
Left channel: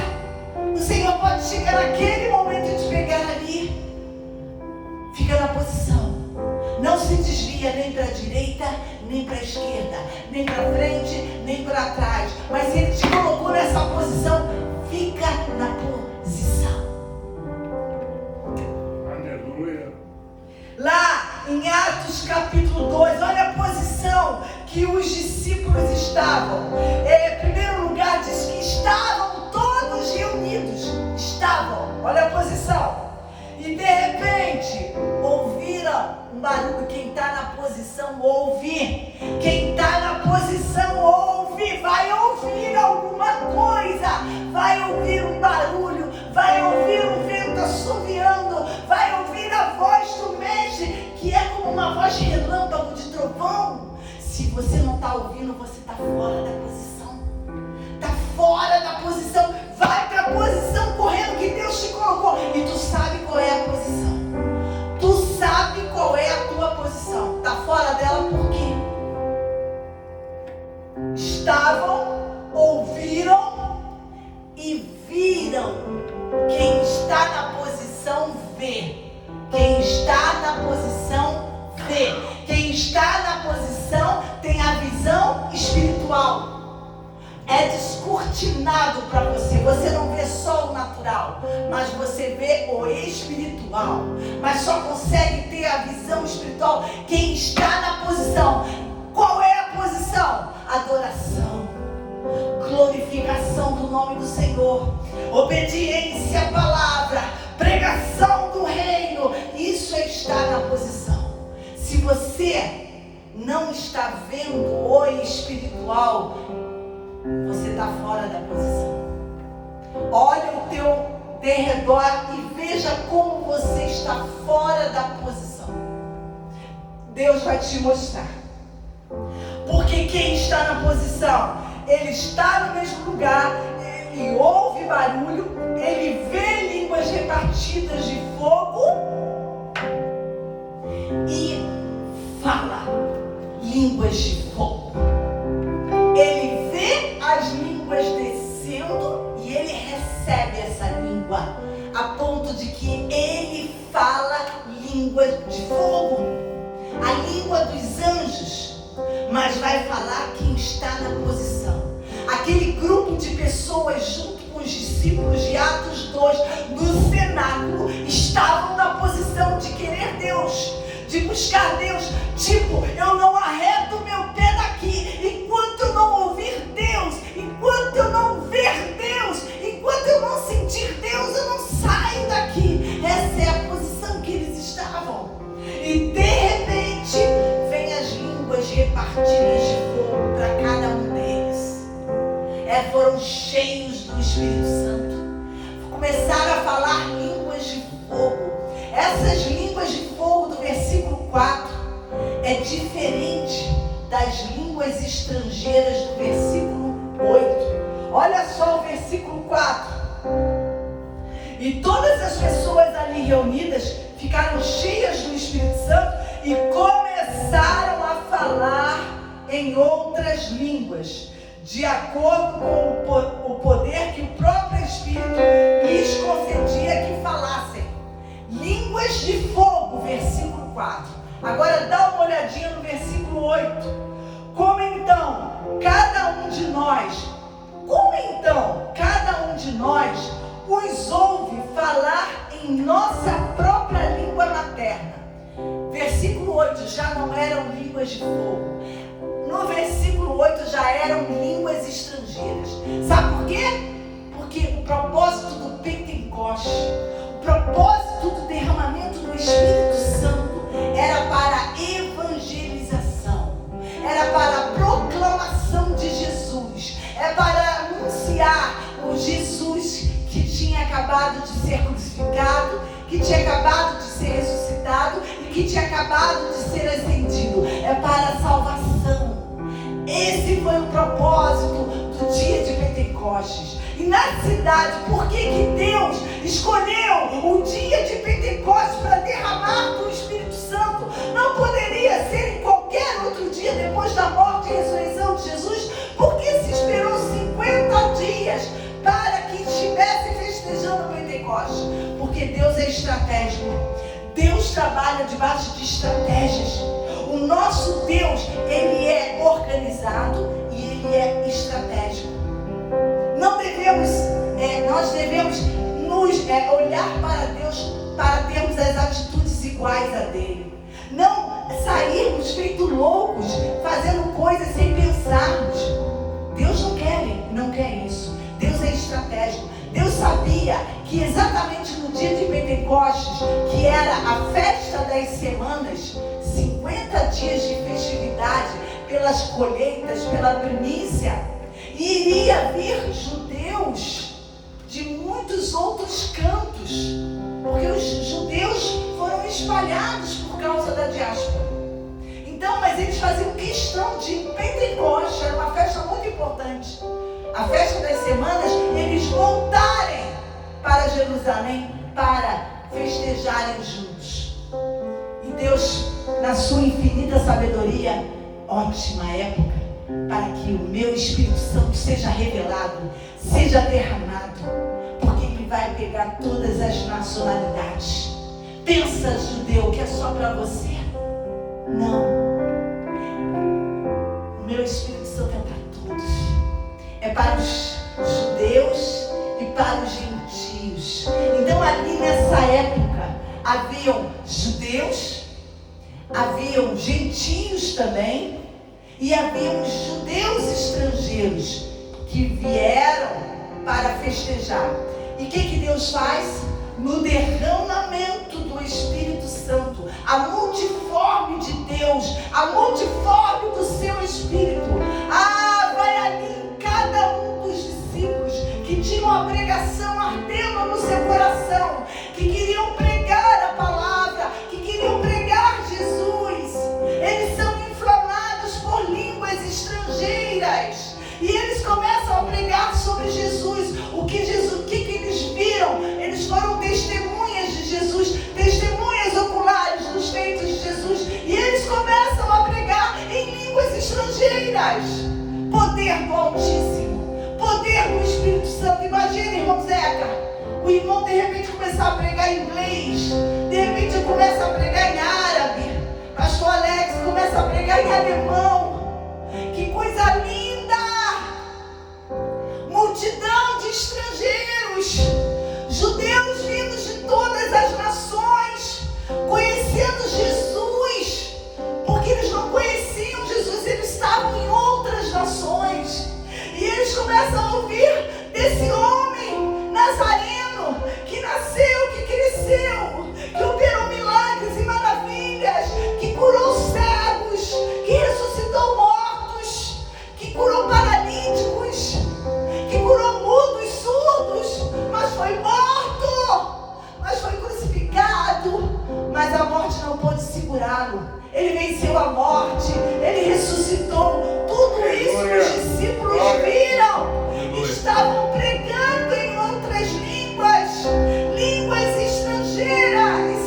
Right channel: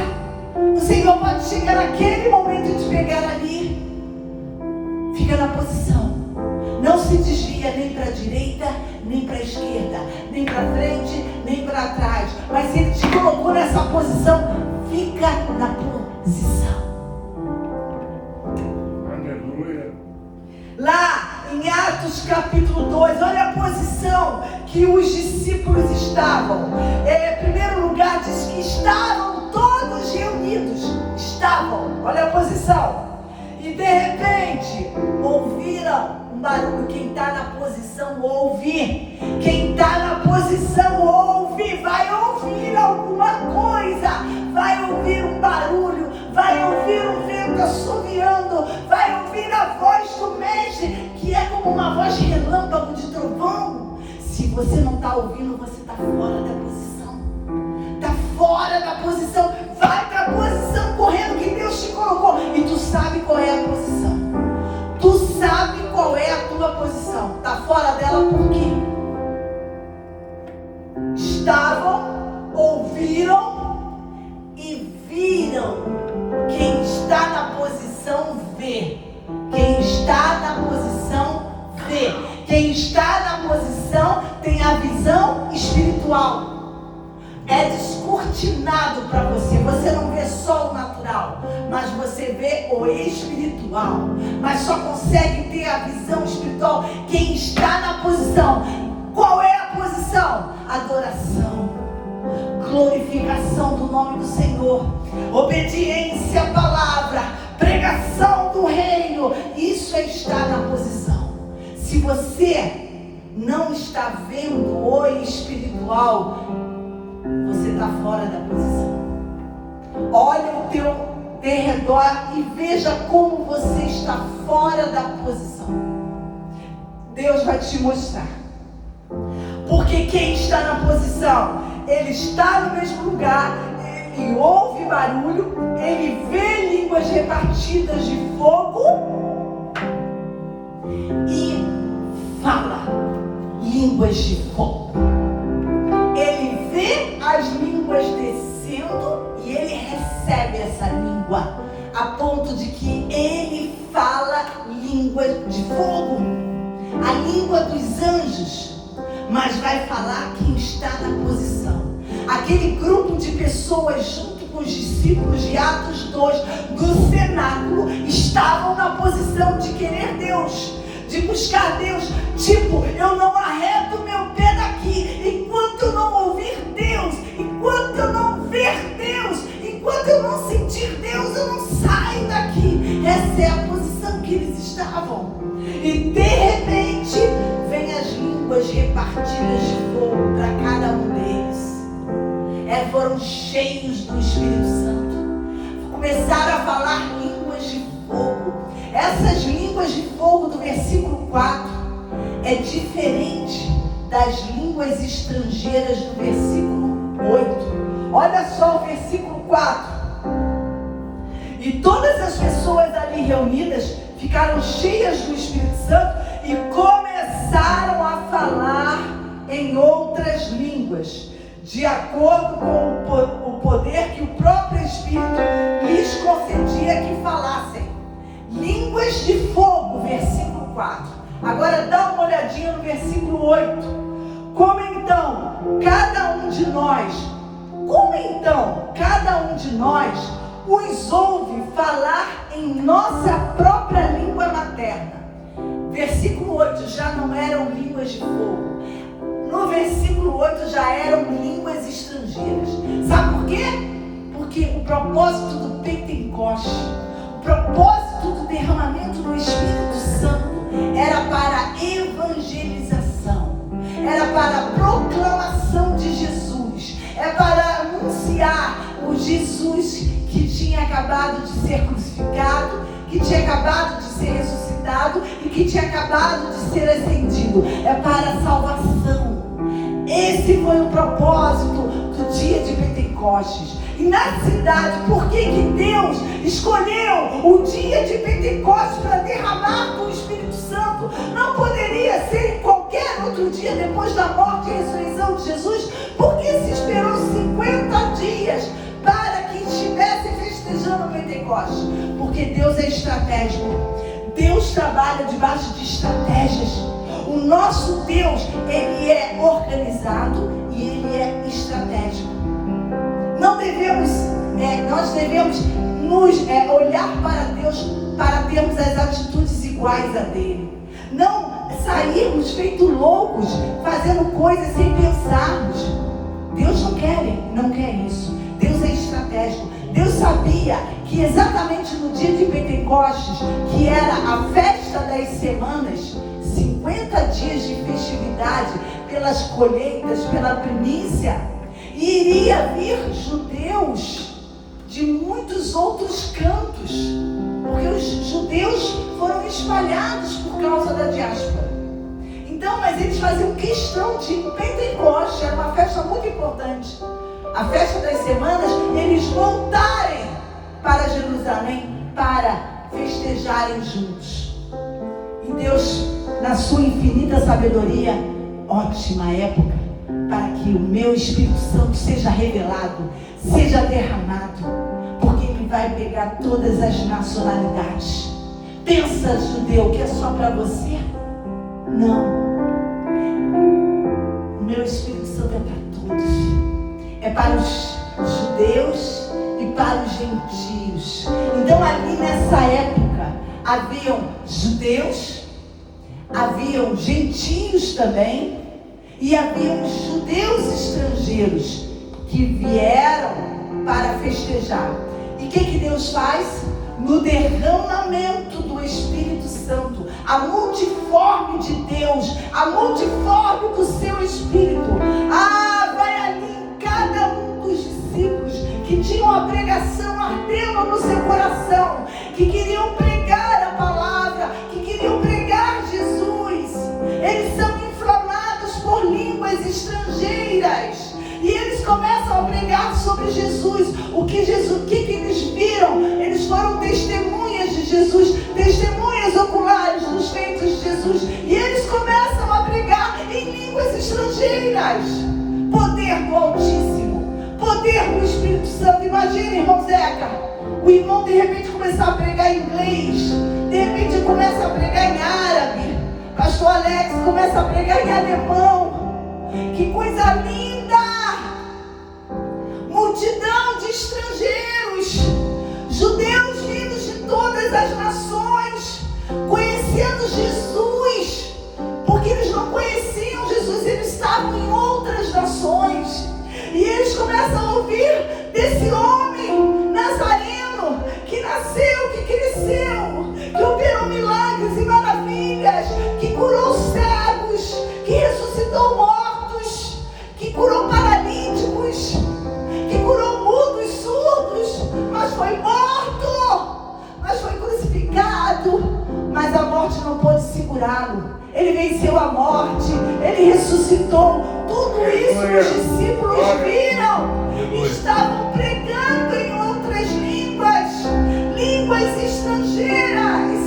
O Senhor pode chegar naquele momento e te pegar ali. Fica na posição. Não se desvia nem para a direita, nem para a esquerda, nem para frente, nem para trás. Mas se Ele te colocou nessa posição, fica na posição. Aleluia. Lá em Atos capítulo 2, olha a posição que os discípulos estavam. Em primeiro lugar, diz que estavam todos reunidos. Estavam, olha a posição. E de repente, ouviram um barulho. Quem está na posição, ouve. Quem está na posição, ouve. Vai ouvir alguma coisa. Vai ouvir um barulho. Vai ouvir um vento assoviando. Vai ouvir a voz do mestre, que é como uma voz de relâmpago, de trovão. Se você não está ouvindo, você está fora da posição. Está fora da posição. Vai para a posição correndo que Deus te colocou. E tu sabe qual é a posição. Tu sabe qual é a tua posição. Está fora dela por quê? Estavam, ouviram e viram. Quem está na posição vê. Quem está na posição vê. Quem está na posição tem a visão espiritual. É descortinado para você. Você não vê só o natural, mas você vê o espiritual. Mas só consegue ter a visão espiritual quem está na posição. Qual é a posição? Adoração, glorificação do nome do Senhor, obediência à palavra, pregação do reino. Isso é estar na posição. Se você não está vendo o espiritual, você está fora da posição. Olha o teu derredor e veja como você está fora da posição. Deus vai te mostrar. Porque quem está na posição, ele está no mesmo lugar, ele ouve barulho, ele vê línguas repartidas de fogo e fala línguas de fogo. Ele vê as línguas descendo e ele recebe essa língua, a ponto de que ele fala línguas de fogo, a língua dos anjos. Mas vai falar quem está na posição. Aquele grupo de pessoas junto com os discípulos de Atos 2 no cenáculo estavam na posição de querer Deus, de buscar Deus. Tipo, eu não arredo meu pé daqui enquanto eu não ouvir Deus, enquanto eu não ver Deus, enquanto eu não sentir Deus, eu não saio daqui. Essa é a posição que eles estavam. E de repente vem as línguas repartidas de fogo para cada um deles. Foram cheios do Espírito Santo. Começaram a falar línguas de fogo. Essas línguas de fogo do versículo 4 é diferente das línguas estrangeiras do versículo 8. Olha só o versículo 4. E todas as pessoas ali reunidas ficaram cheias do Espírito Santo e começaram a falar em outras línguas, de acordo com o poder que o próprio Espírito lhes concedia que falassem. Línguas de fogo, versículo 4. Agora dá uma olhadinha no versículo 8. Como então cada um de nós os ouve falar em nossa própria língua materna? Versículo 8 já não eram línguas de fogo. No versículo 8 já eram línguas estrangeiras. Sabe por quê? Porque o propósito do Pentecoste, o propósito do derramamento do Espírito Santo era para evangelização, era para a proclamação de Jesus, é para anunciar o Jesus que tinha acabado de ser crucificado, que tinha acabado de ser ressuscitado e que tinha acabado de ser ascendido. É para a salvação. Esse foi o propósito do dia de Pentecostes. E na cidade, por que Deus escolheu o dia de Pentecostes para derramar do Espírito Santo? Não poderia ser em qualquer outro dia depois da morte e ressurreição de Jesus? Por que se esperou 50 dias para que estivesse festejando o Pentecostes? Porque Deus é estratégico. Deus trabalha debaixo de estratégias. O nosso Deus, ele é organizado e ele é estratégico. Nós devemos nos olhar para Deus para termos as atitudes iguais a dele. Não sairmos feito loucos, fazendo coisas sem pensarmos. Deus não quer isso. Deus é estratégico. Deus sabia que exatamente no dia de Pentecostes, que era a festa das semanas, 50 dias de festividade pelas colheitas, pela primícia, iria vir judeus de muitos outros cantos, porque os judeus foram espalhados por causa da diáspora. Então, mas eles faziam questão de Pentecostes, era uma festa muito importante, a festa das semanas, eles voltarem para Jerusalém para festejarem juntos. E Deus, na sua infinita sabedoria, ótima época para que o meu Espírito Santo seja revelado, seja derramado, porque ele vai pegar todas as nacionalidades. Pensa, judeu, que é só para você? Não. O meu Espírito Santo é para todos. é para os judeus e para os gentios. Então ali nessa época haviam judeus, haviam gentios também, e haviam judeus estrangeiros que vieram para festejar. E o que Deus faz? No derramamento do Espírito Santo, a multiforme de Deus, a multiforme do seu Espírito, vai ali em cada um dos discípulos que tinham a pregação ardendo no seu coração, que queriam pregar a palavra, que queriam pregar Jesus. Eles são inflamados por línguas estrangeiras e eles começam a pregar sobre Jesus. O que eles viram? Eles foram testemunhas de Jesus, testemunhas oculares dos feitos de Jesus, e eles começam a pregar em línguas estrangeiras. Poder do Altíssimo, poder do Espírito Santo. Imagina, irmão Zeca, o irmão de repente começar a pregar em inglês, de repente começa a pregar em árabe, pastor Alex começa a pregar em alemão. Que coisa linda! Multidão de estrangeiros, judeus vindos de todas as nações, conhecendo Jesus, porque eles não conheciam Jesus, eles estavam em outras nações, e eles começam a ouvir desse homem nazareno, que nasceu, que cresceu, que operou milagres e maravilhas, que curou cegos, que ressuscitou mortos, que curou paralíticos, que curou mudos, surdos, mas foi morto, mas foi crucificado, mas a morte não pôde segurá-lo. Ele venceu a morte, ele ressuscitou. Tudo isso os discípulos viram e estavam pregando em outras línguas estrangeiras.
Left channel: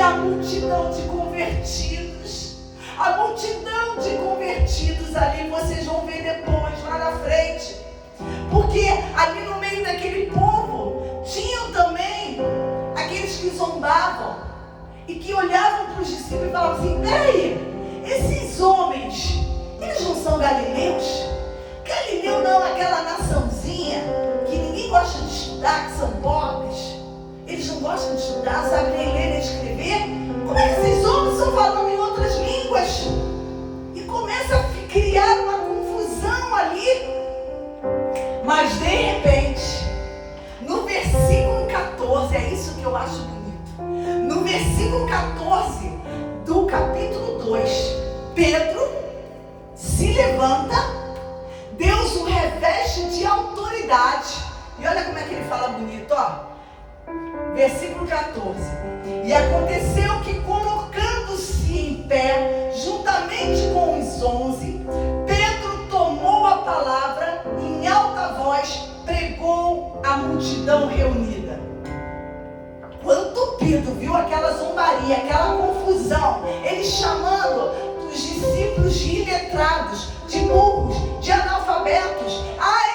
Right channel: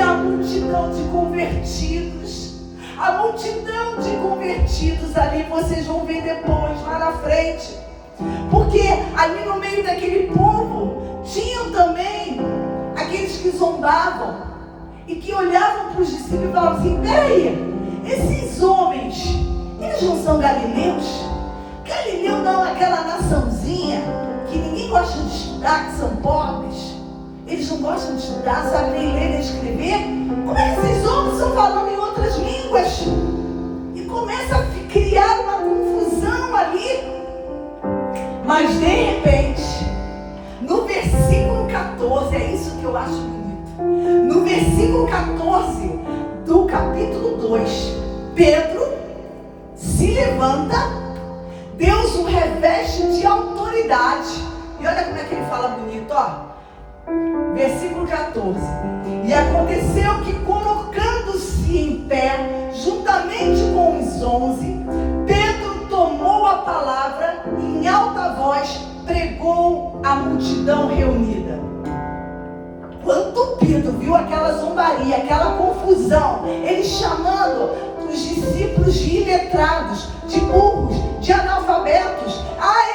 A multidão de convertidos, a multidão de convertidos ali, vocês vão ver depois, lá na frente, porque ali no meio daquele povo tinham também aqueles que zombavam e que olhavam para os discípulos e falavam assim: peraí, esses homens, eles não são galileus? Galileu não é aquela naçãozinha que ninguém gosta de estudar, que são pobres, eles não gostam de estudar, não sabem nem ler nem escrever. Como é que esses homens estão falando em outras línguas? E começa a criar uma confusão ali. Mas de repente, no versículo 14, é isso que eu acho bonito. No versículo 14 do capítulo 2, Pedro se levanta, Deus o reveste de autoridade. E olha como é que ele fala bonito, ó. Versículo 14. E aconteceu que, colocando-se em pé, juntamente com os 11, Pedro tomou a palavra e em alta voz pregou à multidão reunida. Quando Pedro viu aquela zombaria, aquela confusão, ele chamando os discípulos de iletrados, de burros, de analfabetos:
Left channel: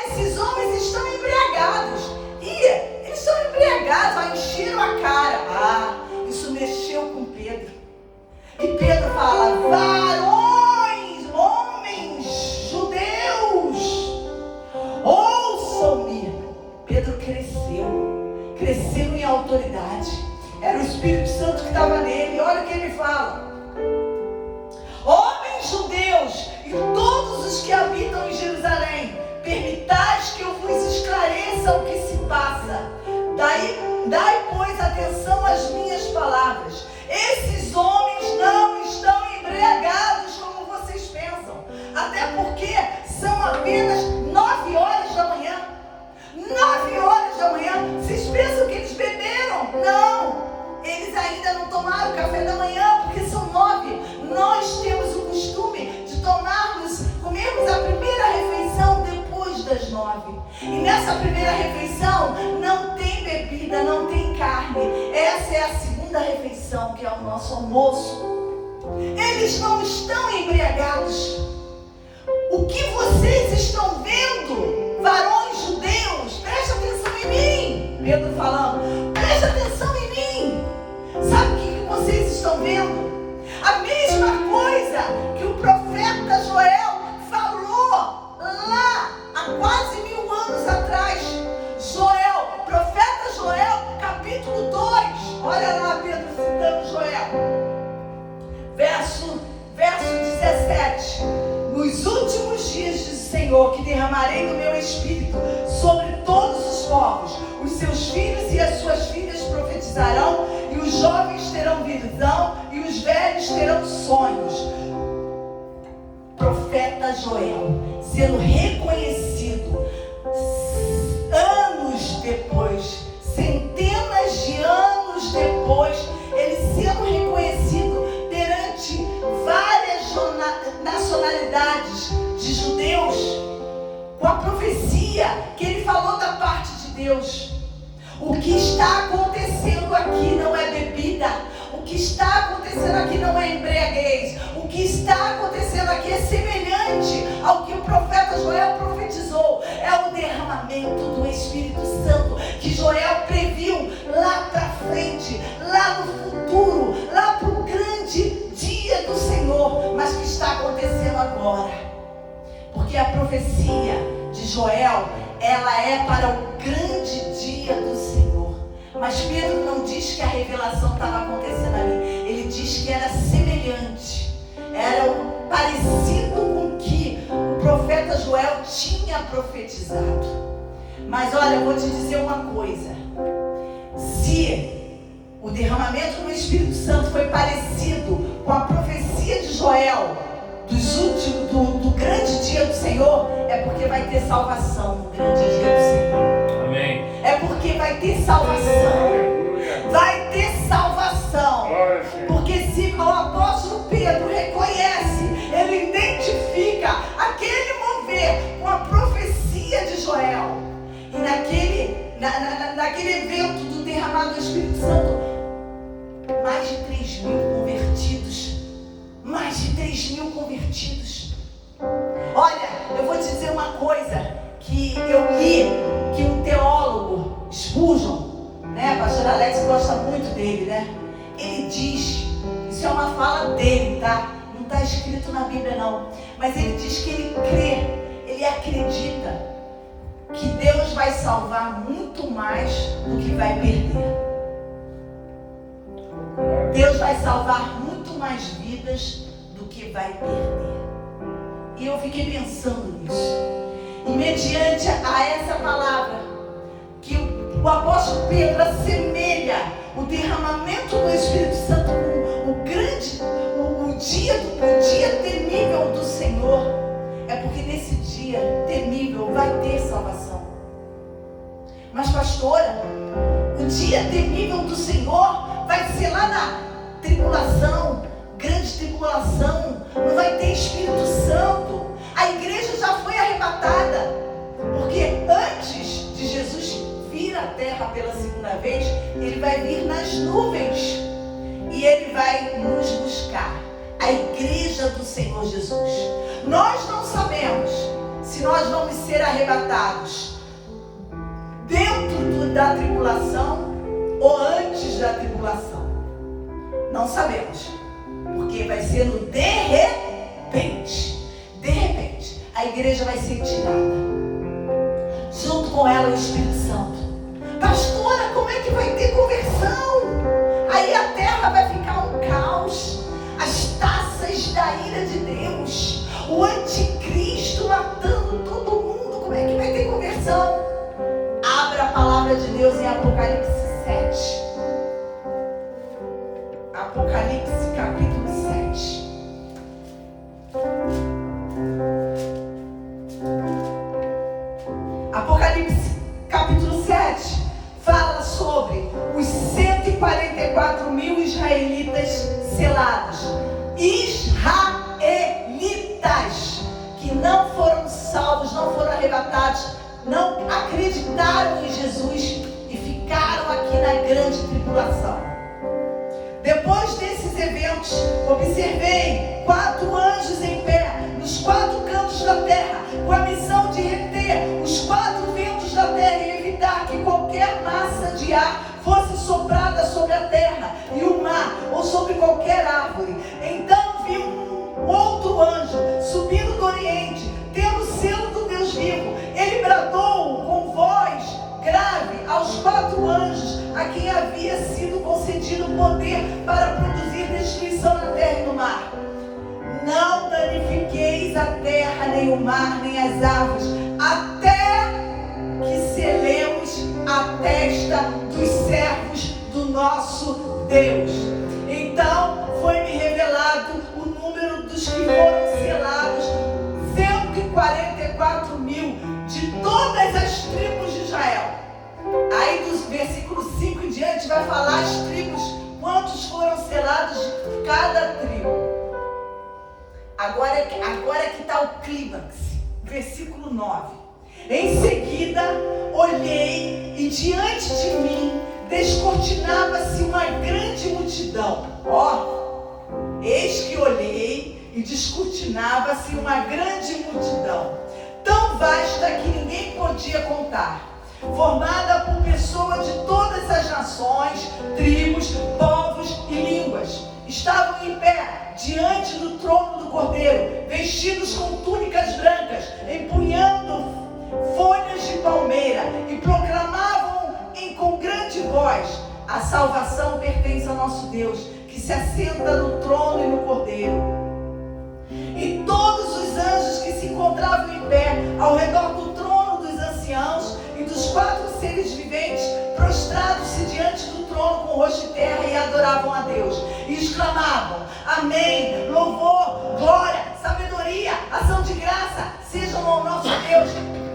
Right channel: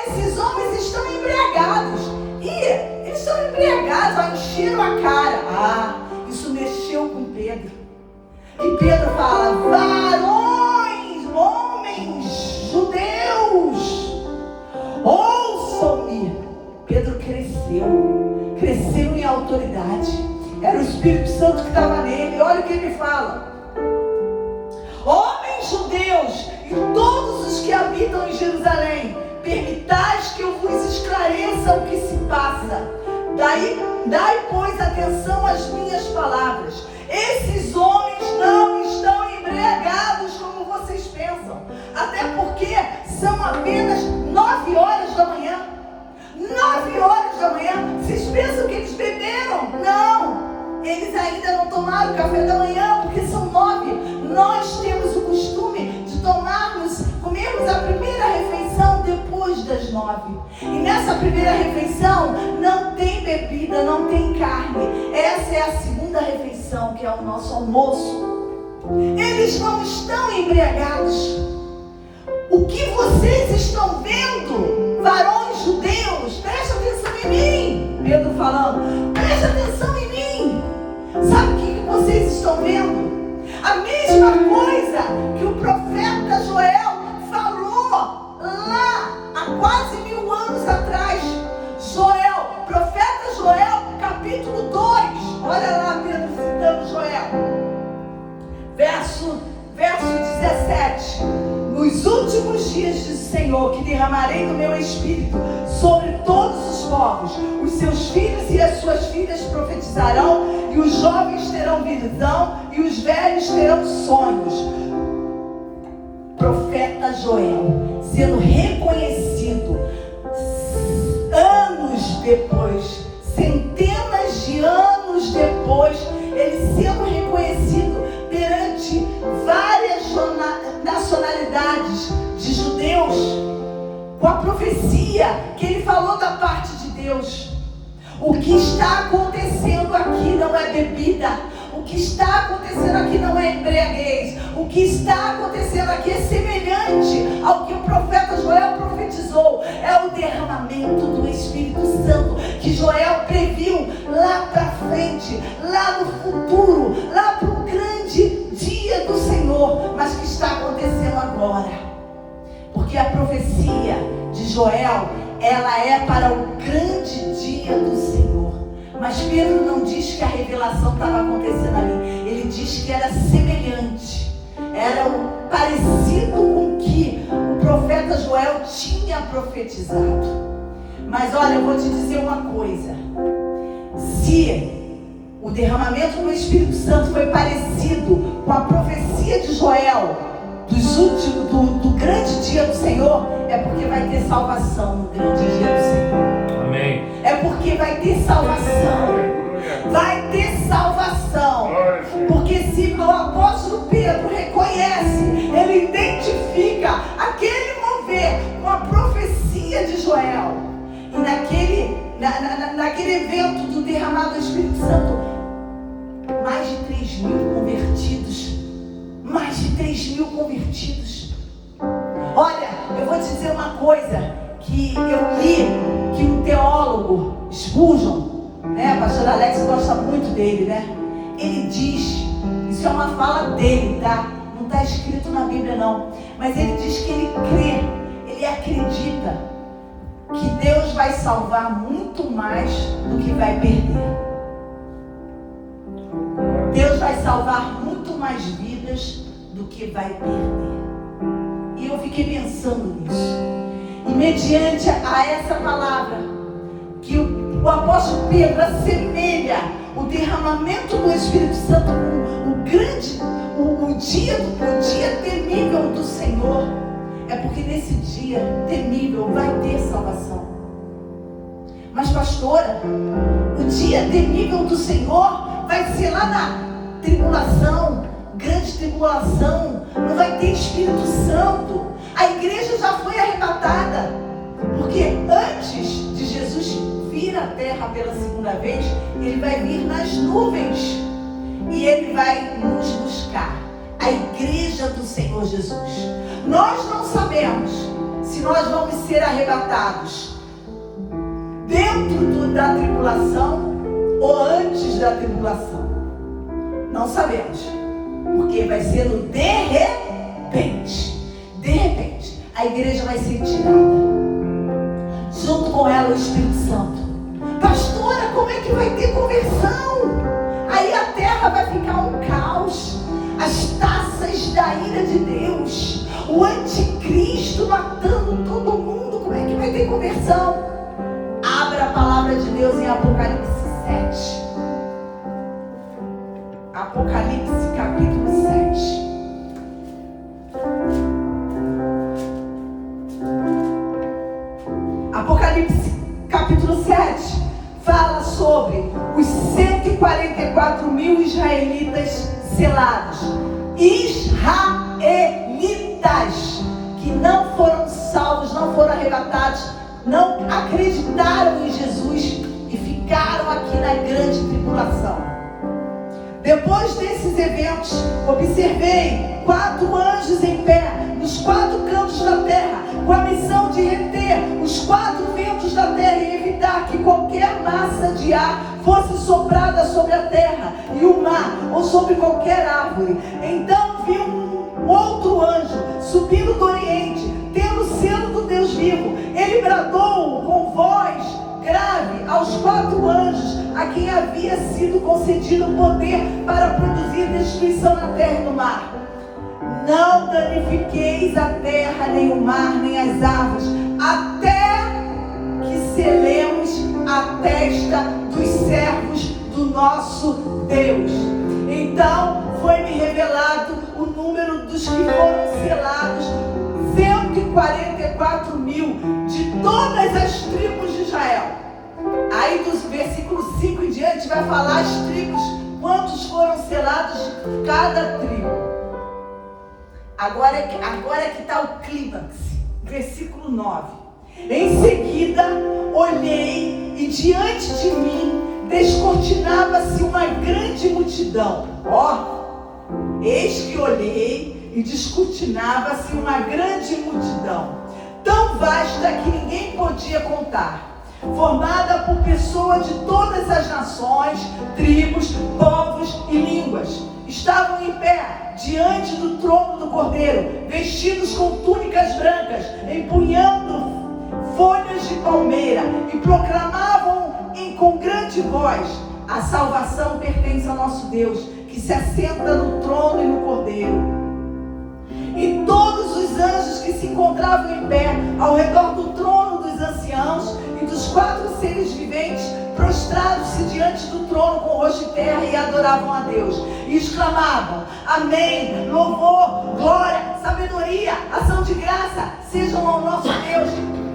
esses homens estão embriagados. Eles estão embriagados, encheram a cara. Isso mexeu com Pedro. E Pedro fala: varões, homens, judeus, ouçam-me. Pedro cresceu em autoridade. Era o Espírito Santo que estava nele. Olha o que ele fala: homens judeus e todos os que habitam em Jerusalém, permitais que eu vos esclareça o que se passa. Dai, pois, atenção às minhas palavras. Esses homens não estão embriagados como vocês pensam, até porque são apenas 9 horas da manhã. 9 horas da manhã. Vocês pensam que eles beberam? Não, eles ainda não tomaram café da manhã, porque são 9. Nós temos o costume de comermos a primeira refeição depois das 9. E nessa primeira refeição não tem bebida, não tem carne. Essa é a segunda refeição, que é o nosso almoço. Eles não estão embriagados. O que vocês estão vendo, varões judeus, presta atenção em mim. Pedro falando: presta atenção em mim. Sabe o que vocês estão vendo? A mesma coisa que o profeta Joel falou lá Nos últimos dias, diz o Senhor, que derramarei do meu espírito sobre todos os povos. Os seus filhos e as suas filhas profetizarão, e os jovens terão visão, e os velhos terão sonhos. Profeta Joel, sendo reconhecido anos depois, centenas de anos depois, ele sendo reconhecido perante várias nacionalidades de judeus, com a profecia que ele falou da parte de Deus. O que está acontecendo aqui não é bebida. O que está acontecendo aqui não é embriaguez. O que está acontecendo aqui é semelhante ao que o profeta Joel profetizou. É o derramamento do Espírito Santo que Joel previu lá para frente, lá no futuro, lá para o grande dia do Senhor, mas que está acontecendo agora. Porque a profecia de Joel, ela é para o grande dia do Senhor. Mas Pedro não diz que a revelação estava acontecendo ali. Ele diz que era semelhante, era parecido com o que o profeta Joel tinha profetizado. Mas olha, eu vou te dizer uma coisa. Se o derramamento do Espírito Santo foi parecido com a profecia de Joel do grande dia do Senhor, é porque vai ter salvação no grande dia do Senhor. Amém. É porque vai ter salvação. Vai ter salvação. Porque se o apóstolo Pedro reconhece, ele identifica aquele mover com a profecia de Joel. E naquele evento do derramado do Espírito Santo, mais de 3.000 convertidos. Mais de 3.000 convertidos. Olha, eu vou te dizer uma coisa que eu li, que um teólogo, Spurgeon, né, pastor Alex gosta muito dele, né? Ele diz, isso é uma fala dele, tá? Não está escrito na Bíblia não, mas ele diz que ele crê, ele acredita que Deus vai salvar muito mais do que vai perder. Deus vai salvar muito mais vidas do que vai perder. E eu fiquei pensando nisso. E mediante a essa palavra, que o apóstolo Pedro assemelha o derramamento do Espírito Santo com o dia temível do Senhor, é porque nesse dia temível vai ter salvação. Mas pastora, o dia temível do Senhor vai ser lá na tribulação, grande tribulação, não vai ter Espírito Santo. A igreja já foi arrebatada, porque antes de Jesus vir à terra pela segunda vez, ele vai vir nas nuvens e ele vai nos buscar, a igreja do Senhor Jesus. Nós não sabemos se nós vamos ser arrebatados dentro da tribulação ou antes da tribulação. Não sabemos, porque vai ser no de repente. De repente, a igreja vai ser tirada. Junto com ela o Espírito Santo. Pastora, como é que vai ter conversão? Aí a terra vai ficar um caos. As taças da ira de Deus. O anticristo matando todo mundo. Como é que vai ter conversão? Abra a palavra de Deus em Apocalipse 7. Apocalipse capítulo 7. Apocalipse capítulo 7 fala sobre os 144.000 israelitas selados. Israelitas que não foram salvos, não foram arrebatados, não acreditaram em Jesus e ficaram aqui na grande tribulação. Depois desses eventos, observei 4 anjos em pé, nos 4 cantos da terra, com a missão de reter os 4 ventos da terra e evitar que qualquer massa de ar fosse soprada sobre a terra e o mar, ou sobre qualquer árvore. Então vi um outro anjo subindo do Oriente, tendo o selo do Deus vivo. Ele bradou com voz grave aos 4 anjos a quem havia sido concedido o poder para produzir destruição na terra e no mar. Não danifiqueis a terra, nem o mar, nem as árvores, até que selemos a testa dos servos do nosso Deus. Então foi-me revelado o número dos que foram selados, 144.000 de todas as tribos de Israel. Aí dos versículos 5 em diante vai falar as tribos, quantos foram selados de cada tribo. Agora que está o clímax, versículo 9. Em seguida olhei e diante de mim descortinava-se uma grande multidão. Eis que olhei e descortinava-se uma grande multidão, tão vasta que ninguém podia contar, formada por pessoas de todas as nações, tribos, povos e línguas. Estavam em pé diante do trono do Cordeiro, vestidos com túnicas brancas, empunhando folhas de palmeira, e proclamavam com grande voz: a salvação pertence ao nosso Deus, que se assenta no trono e no Cordeiro. E todos os anjos que se encontravam em pé ao redor do trono dos anciãos e dos 4 seres viventes, prostraram-se diante do trono com o rosto de terra e adoravam a Deus, e exclamavam: amém, louvor, glória, sabedoria, ação de graça sejam ao nosso Deus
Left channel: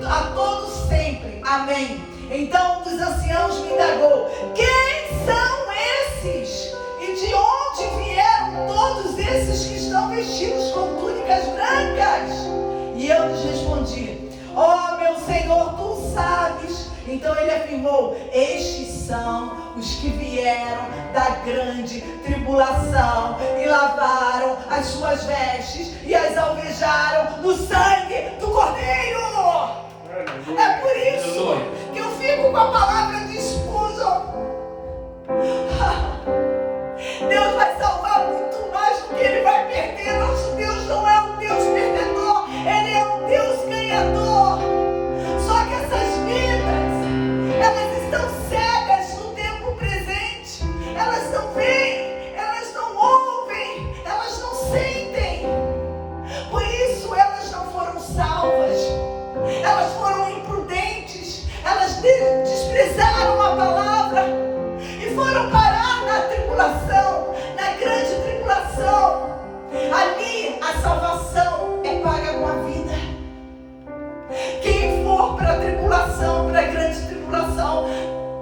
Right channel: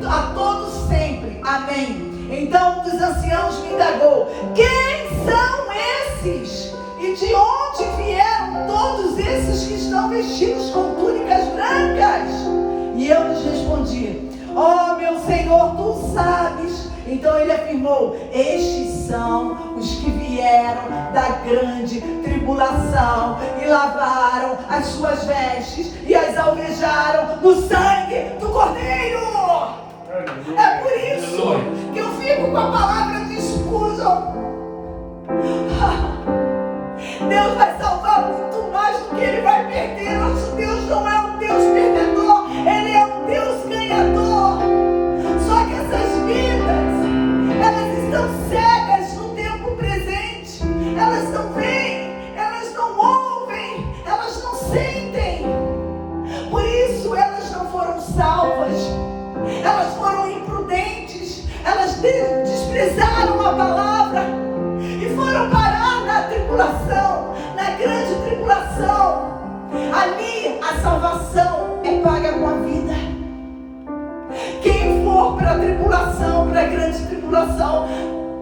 a todos sempre, amém. Então um dos anciãos me indagou: quem são esses? E de onde vieram todos esses que estão vestidos com túnicas brancas? E eu lhes respondi: meu Senhor, tu sabes. Então ele afirmou: estes são os que vieram da grande tribulação e lavaram as suas vestes e as alvejaram no sangue do Cordeiro. É por isso que eu fico com a palavra de escudo. Deus vai salvar muito mais do que Ele vai perder. Nosso Deus não é um Deus perdedor, Ele é um Deus ganhador. Só que essas vidas, elas estão cegas no tempo presente. Elas não veem, elas não ouvem, elas não sentem. Por isso elas não foram salvas. Elas foram imprudentes, elas desprezaram a palavra e foram parar na tribulação, na grande tribulação. Ali a salvação é paga com a vida. Quem for para a tribulação, para a grande tribulação,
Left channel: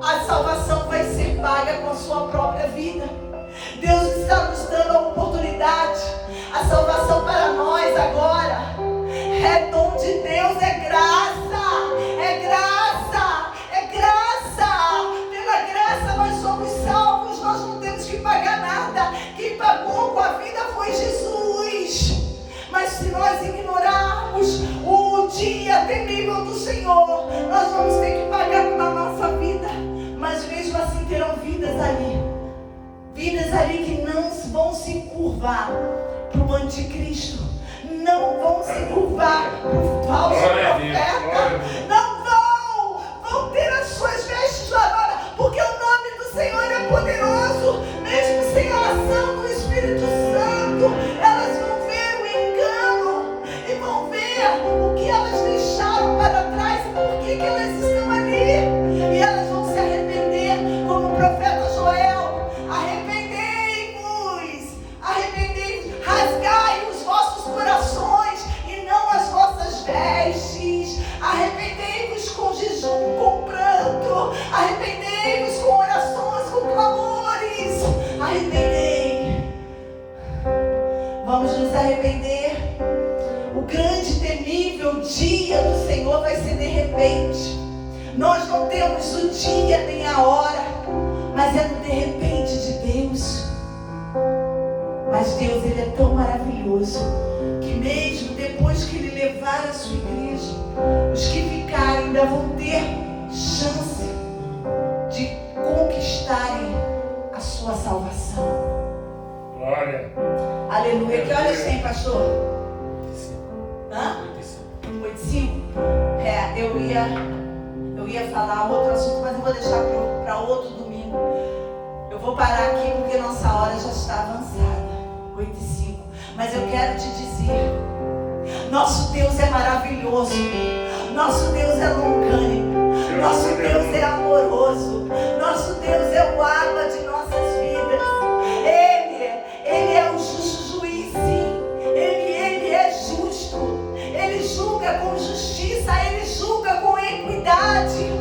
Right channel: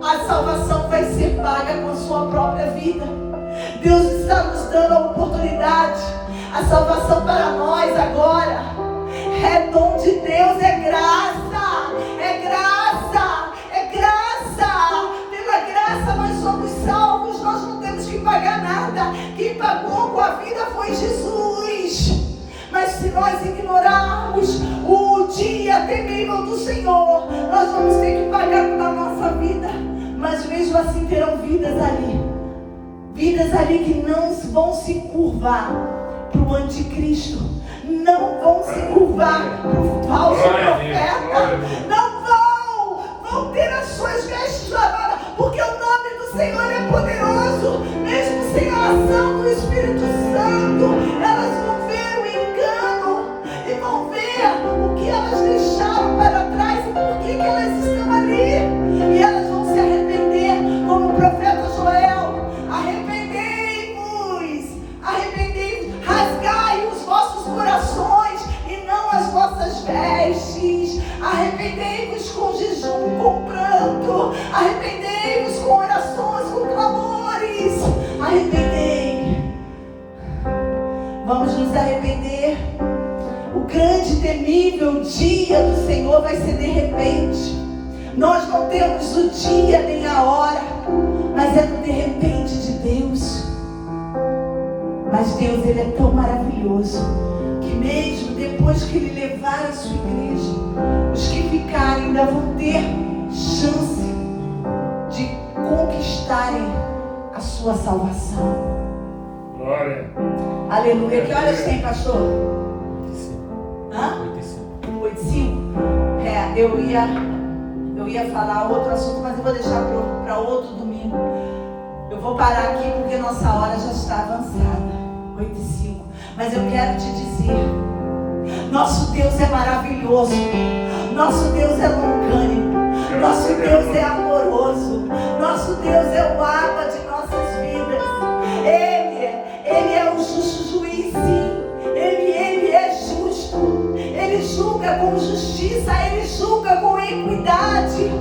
a salvação vai ser paga com a sua própria vida. Deus está nos dando a oportunidade. A salvação para nós agora é dom de Deus, é graça, é graça, é graça. Pela graça nós somos salvos, nós não temos que pagar nada. Quem pagou com a vida foi Jesus. Mas se nós ignorarmos o dia terrível do Senhor, nós vamos ter que pagar com a nossa vida. Mas mesmo assim terão vidas ali que não vão se curvar para o anticristo, não vão se curvar para o falso profeta, não vão ter as suas vestes lavadas, porque o nome do Senhor é poderoso. Mesmo sem a ação do Espírito Santo, elas vão ver o engano e vão ver o que elas deixaram para trás e por que elas estão ali, e elas vão se arrepender, como o profeta Joel: arrependei-vos, rasgai os vossos corações e não as vossas vestes. Arrependei-vos com jejum, com pranto. Arrependei-vos com orações, com clamores. Arrependei. Vamos nos arrepender. O grande e temível dia do Senhor vai ser de repente. Nós não temos o dia nem a hora, mas é no de repente de Deus. Mas Deus, Ele é tão maravilhoso que mesmo depois que Ele levar a sua igreja, os que ficarem ainda vão ter chance de conquistarem a sua salvação. Glória. Aleluia. Que horas tem, pastor? 8:05. Eu ia falar outro assunto, mas eu vou deixar para outro domingo. Eu vou parar aqui porque nossa hora já está avançada. 8:5. Mas eu quero te dizer, nosso Deus é maravilhoso, nosso Deus é longânimo, nosso Deus é amoroso, nosso Deus é o água de nossas vidas. Ele é o justo juiz, sim. Ele é justo. Ele julga com justiça, ele julga com equidade.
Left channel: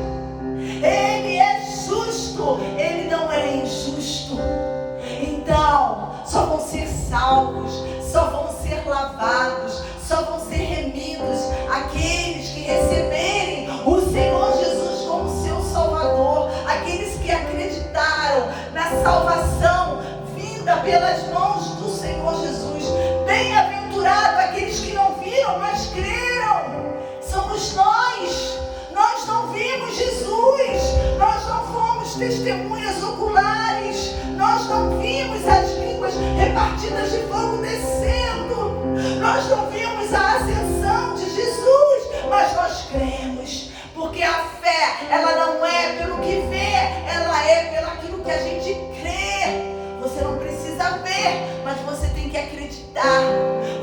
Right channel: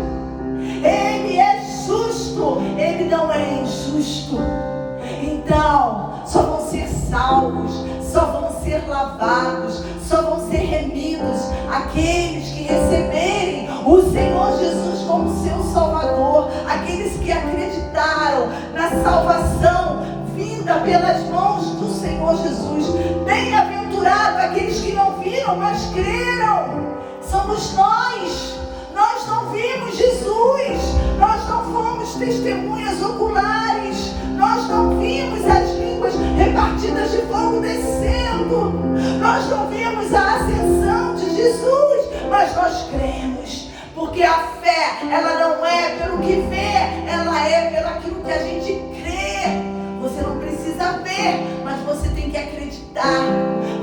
Ele é justo, ele não é injusto. Então, só vão ser salvos, só vão ser lavados, só vão ser remidos aqueles que receberem o Senhor Jesus como seu Salvador, aqueles que acreditaram na salvação vinda pelas mãos do Senhor Jesus. Bem-aventurado aqueles que não viram, mas creram. Somos nós. Nós não vimos Jesus, nós não fomos testemunhas oculares, nós não vimos as línguas repartidas de fogo descendo, nós não vimos a ascensão de Jesus, mas nós cremos, porque a fé, ela não é pelo que vê, ela é pelo aquilo que a gente crê. Você não precisa ver, mas você tem que acreditar,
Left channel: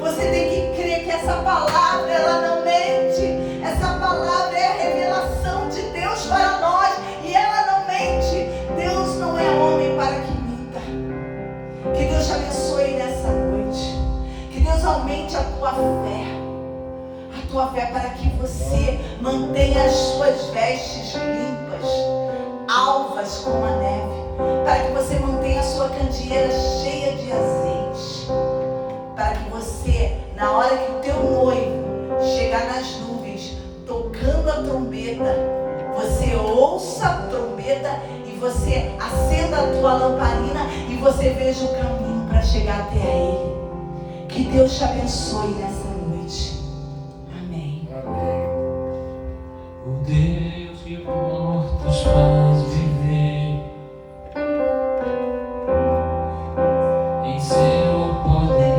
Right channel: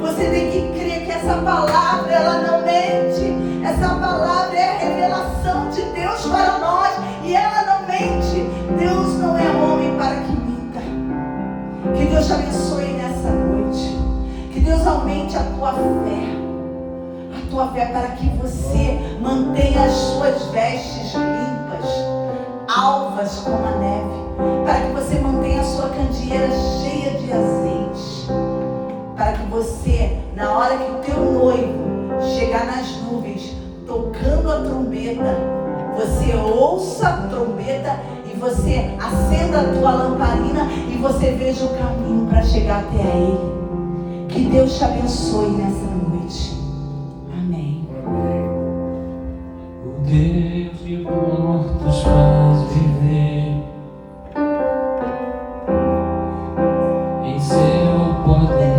você tem que crer que essa palavra, ela não mente, essa palavra é a revelação de Deus para nós, e ela não mente. Deus não é homem para que minta. Que Deus te abençoe nessa noite, que Deus aumente a tua fé para que você mantenha as suas vestes limpas, alvas como a neve, para que você mantenha a sua candeeira cheia de azeite, para que você, na hora que o teu noivo chegar nas nuvens, tocando a trombeta, você ouça a trombeta e você acenda a tua lamparina e você veja o caminho para chegar até a Ele. Que Deus te abençoe nessa noite. Amém. Amém. O Deus que mortos faz viver, em seu poder.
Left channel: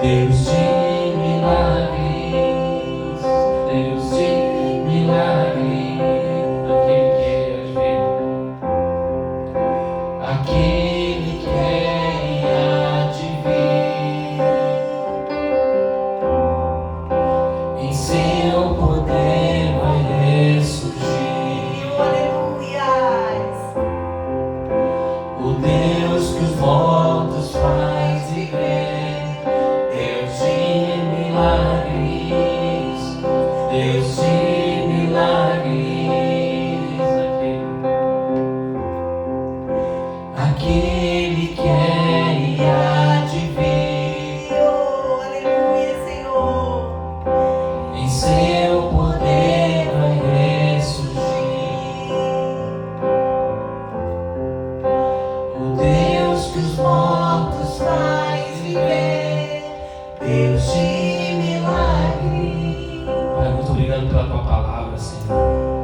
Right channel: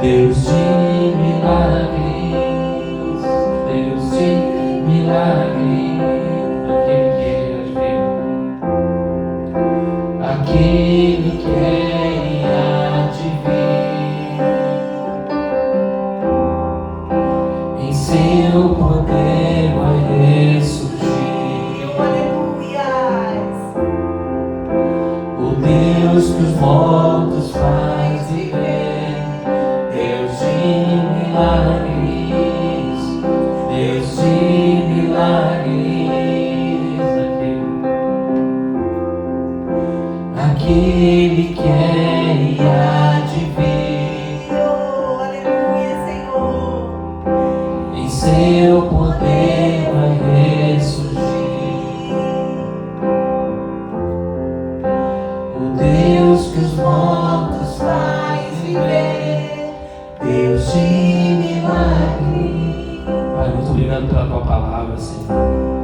Deus de milagres, Deus de milagres, aquele que há de vir, em seu poder vai ressurgir. O Deus que os mortos faz viver, Deus de milagres, Deus de milagres, aquele que é e há de vir, Aleluia, Senhor. em seu poder vai ressurgir. O Deus que os mortos